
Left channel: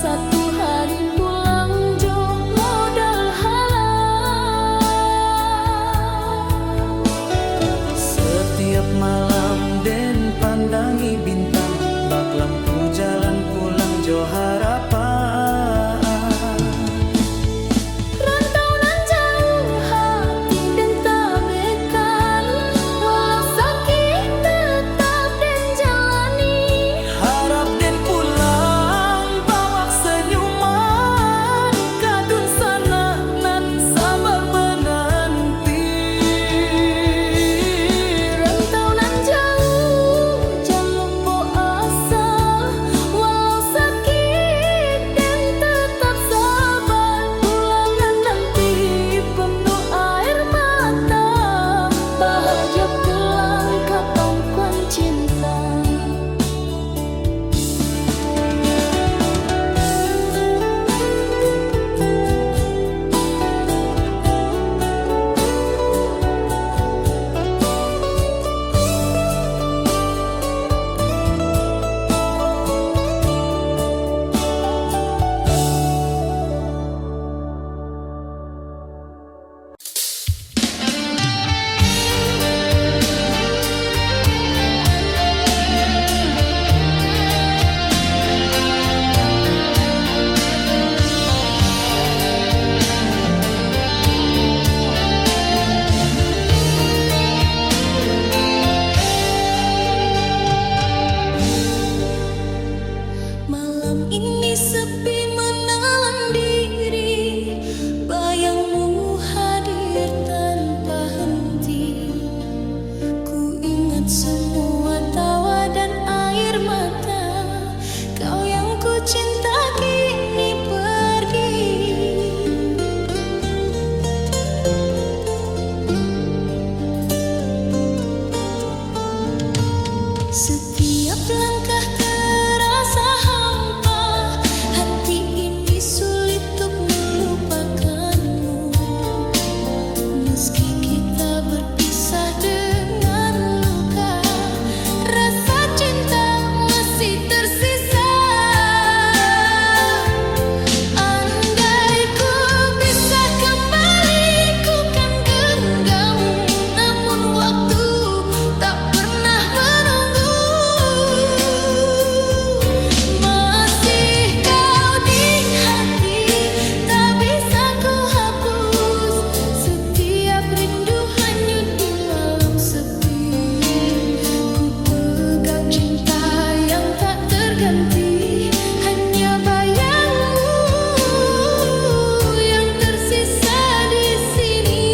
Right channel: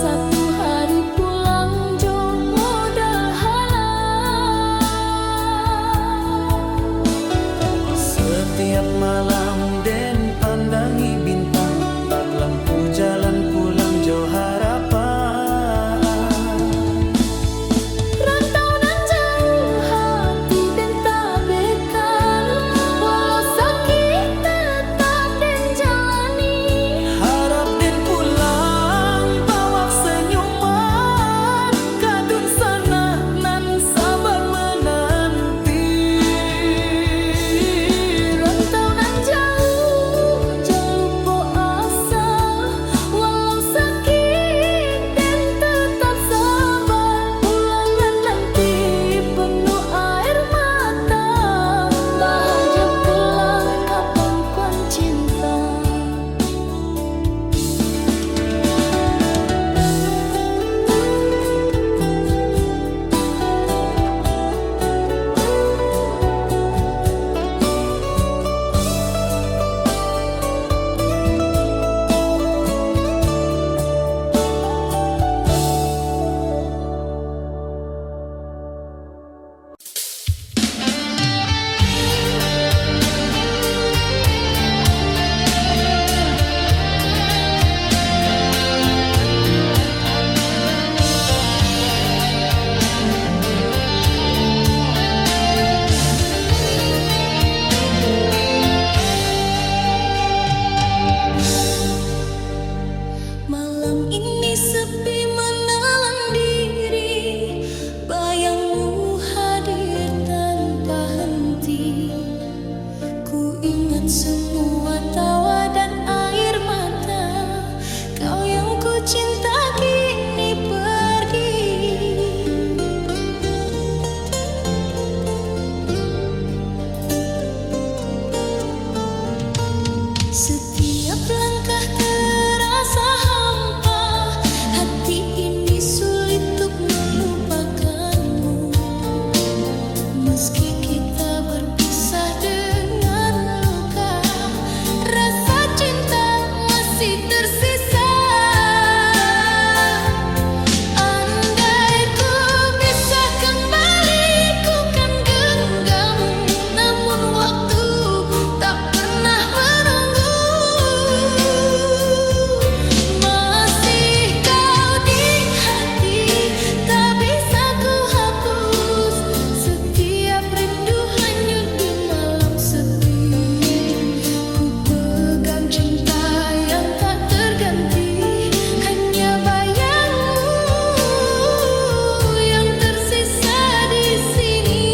Satu hari pulang jo modal halang. Setiap malam den pandangi bintang, bak lampu jalan pulang jo harapan. Rantau nan jauh hati den tabekan, walau sakit tetap den jalani. Harap den pulang bawa senyuman, kadun sana nan sabar menanti. Rantau nan jauh jangan lupa asal, walau sakit dan tetap sabar. Pulangan nanti penuh air mata, bahagia pulang ke pangkuan cinta. Malam ini sepi menelan diri, bayangmu hadir tanpa henti. Ku ingat semua tawa dan air mata, kau yang ku cinta kini pergi. Setiap langkah terasa hampa, hati ini sulit untuk melupakanmu. Meski kita berpisah dengan luka, rasa cinta masih tersisa. Andai ku bisa kembali, ku kan genggammu. Namun waktu tak pernah menunggu. Masih kau di hati, tak bisa ku hapus. Setiap rindu hanyut di malam sepi. Ku pegang cinta yang tak terganti, hanya bayangmu yang tersisa di sini.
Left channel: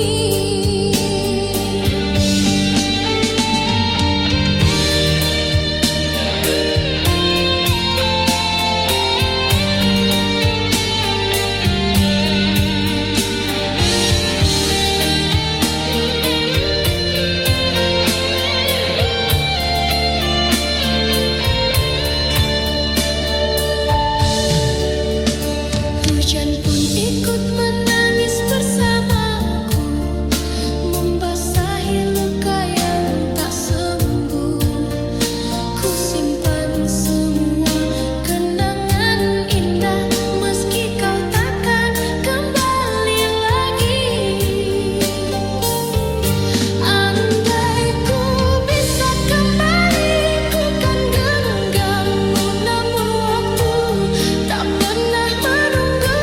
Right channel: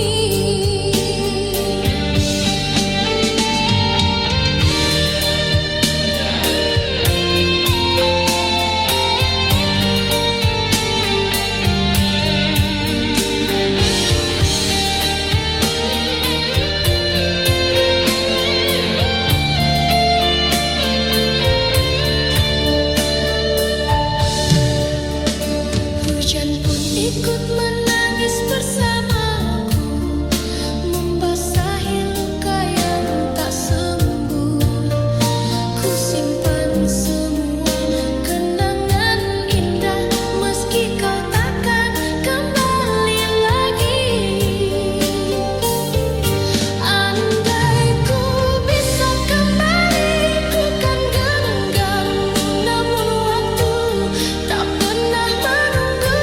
Hujan pun ikut menangis bersamaku, membasahi luka yang tak sembuh. Ku simpan semua kenangan indah, meski kau takkan kembali lagi. Andai ku bisa kembali, ku kan genggammu. Namun waktu tak pernah menunggu.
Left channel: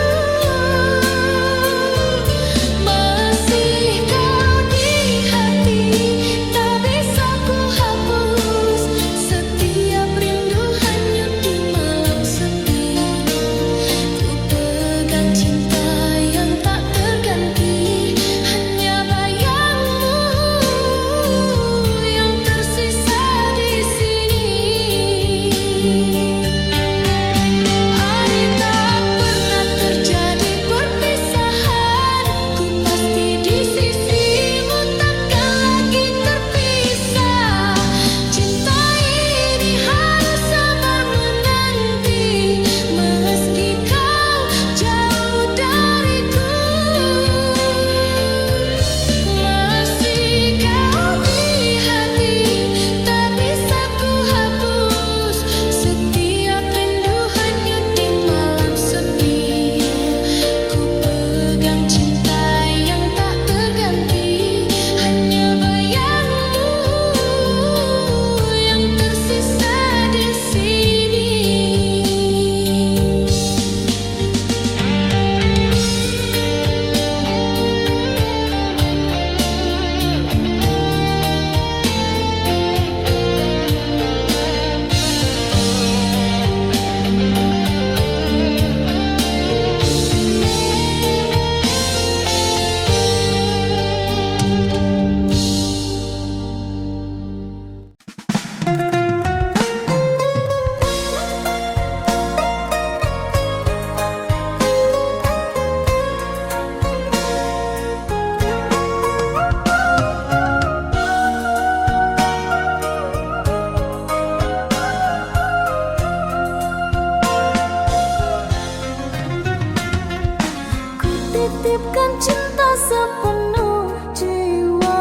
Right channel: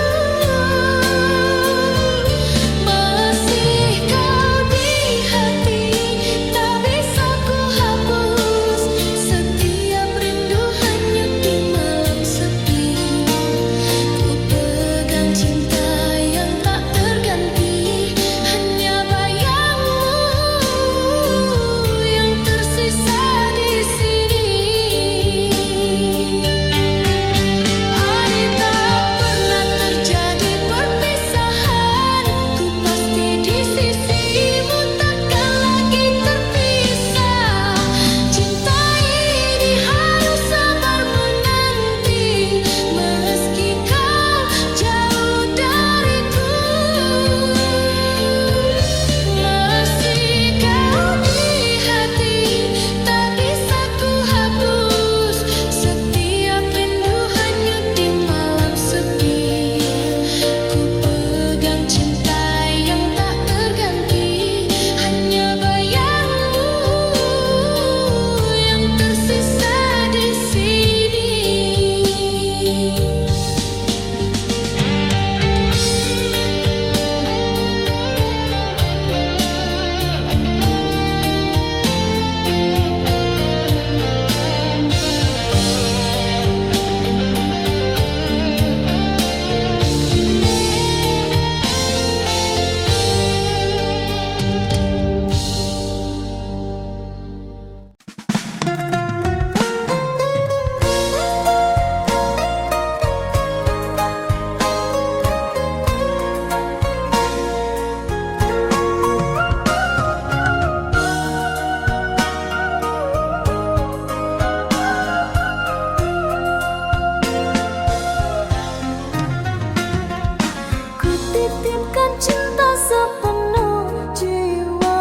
titipkan cinta sepenuh jiwa,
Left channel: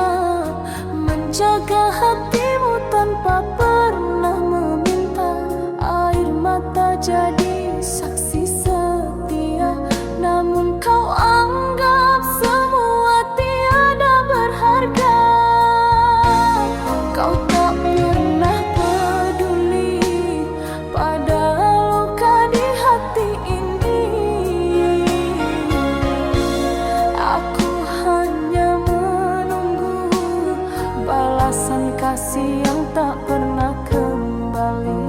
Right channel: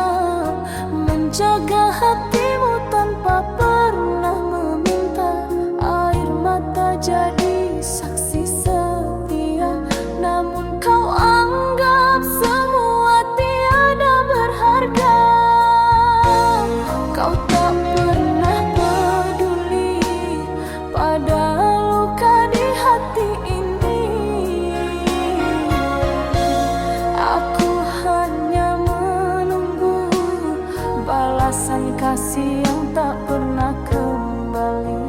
menjaga hatimu tanpa pernah meminta. Air mata jadi saksi setia, namun kau anggap semua tiada berharga. Kau tak pernah peduli pada luka di hati ini. Aku hanya menunggu balasan kasih yang tak pernah kembali.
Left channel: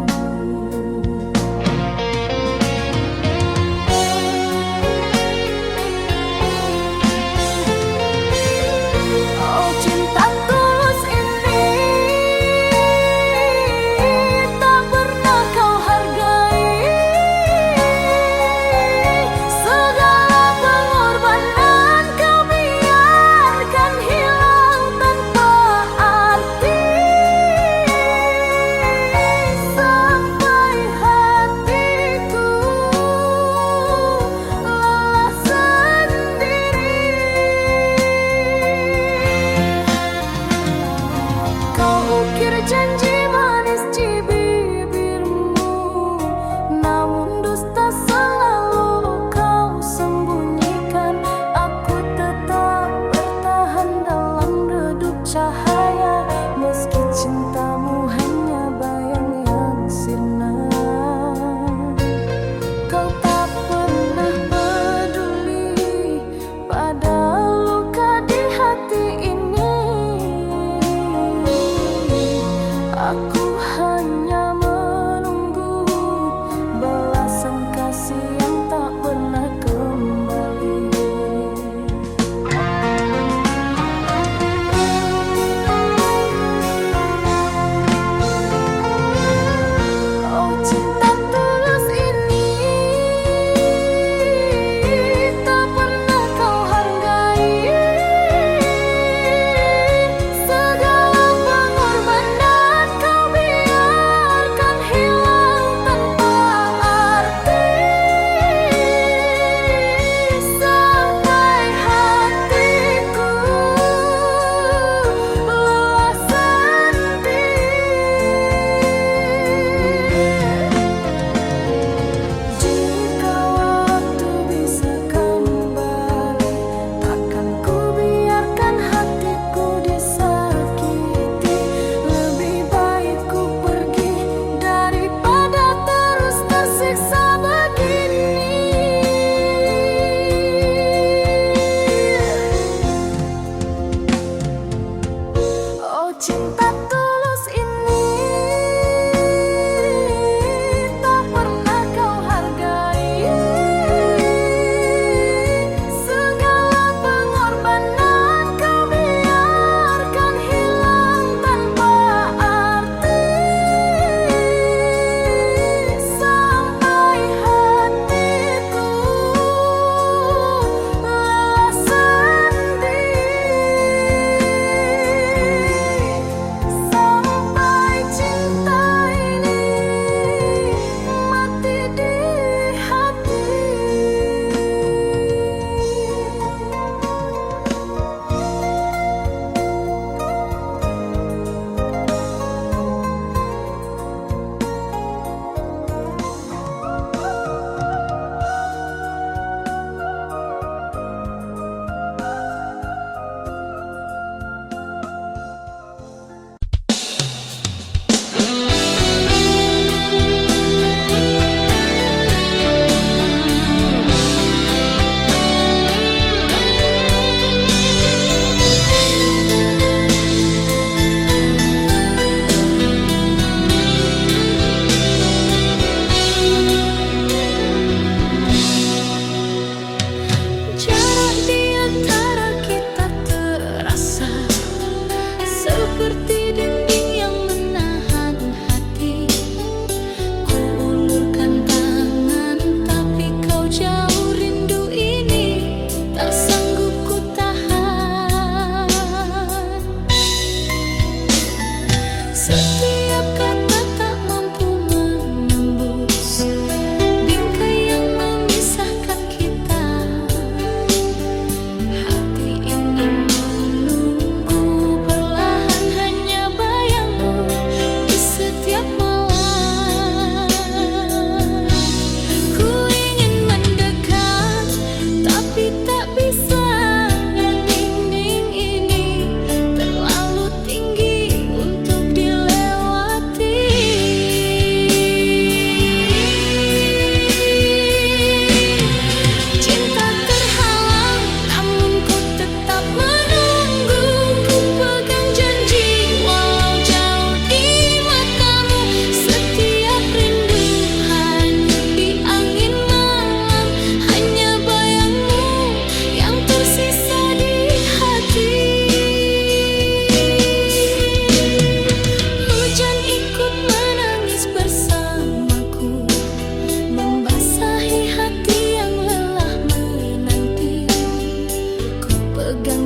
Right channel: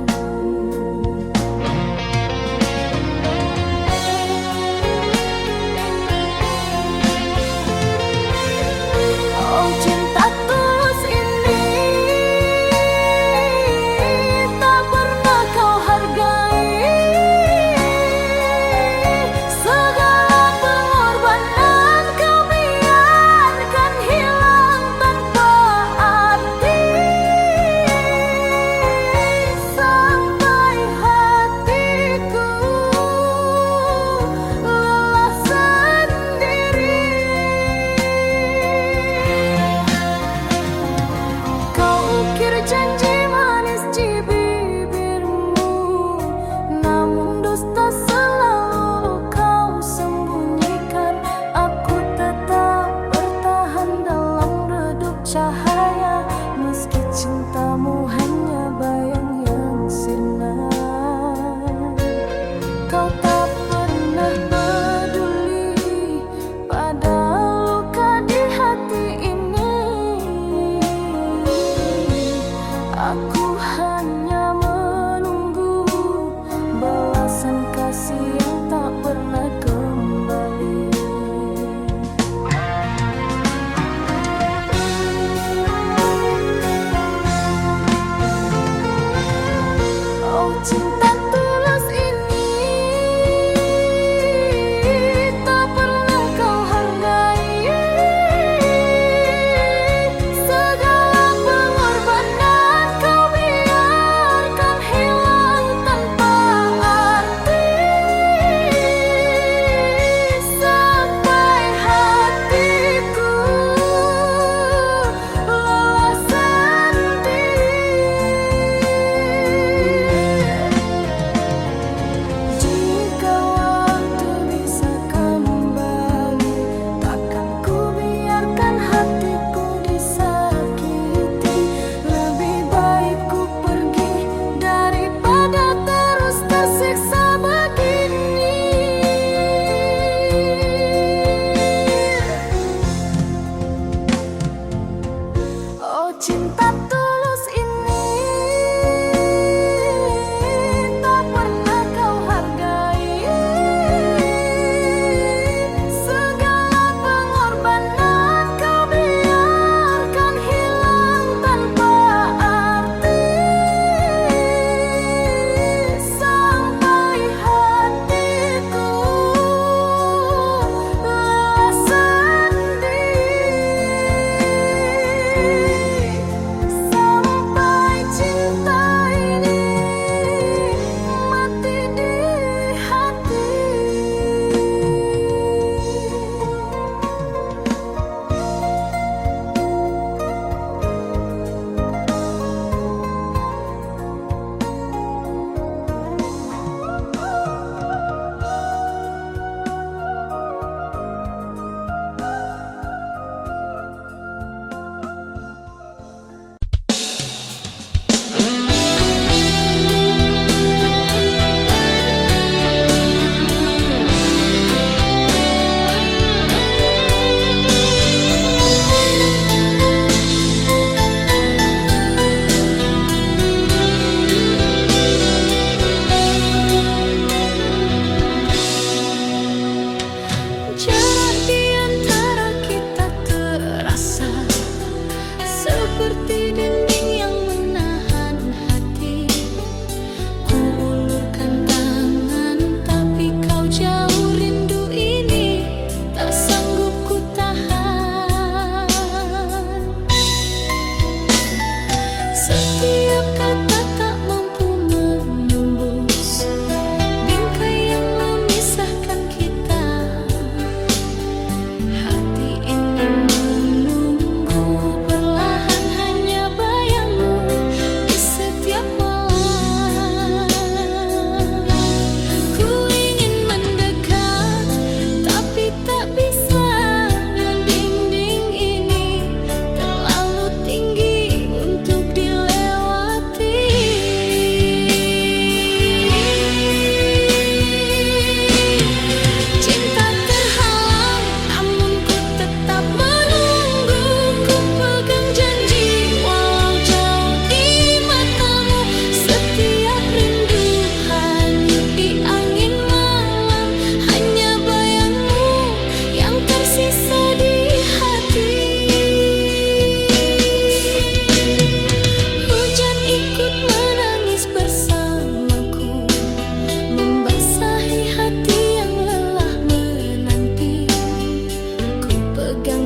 Oh, cinta tulus ini tak pernah kau hargai. Segala pengorbanan kau biarkan hilang tanpa arti. Sampai hatiku lelah sendiri. Kau ukir janji manis di bibirmu, namun dusta selalu kau sembunyikan. Aku tetap bertahan dalam redup cahaya, meski cintamu hanya bayang yang sirna. Kau tak pernah peduli pada luka di hati ini. Aku hanya menunggu balasan kasih yang tak pernah kembali. Oh, cinta tulus ini tak pernah kau hargai. Segala pengorbanan kau biarkan hilang tanpa arti.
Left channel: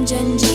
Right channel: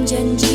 janji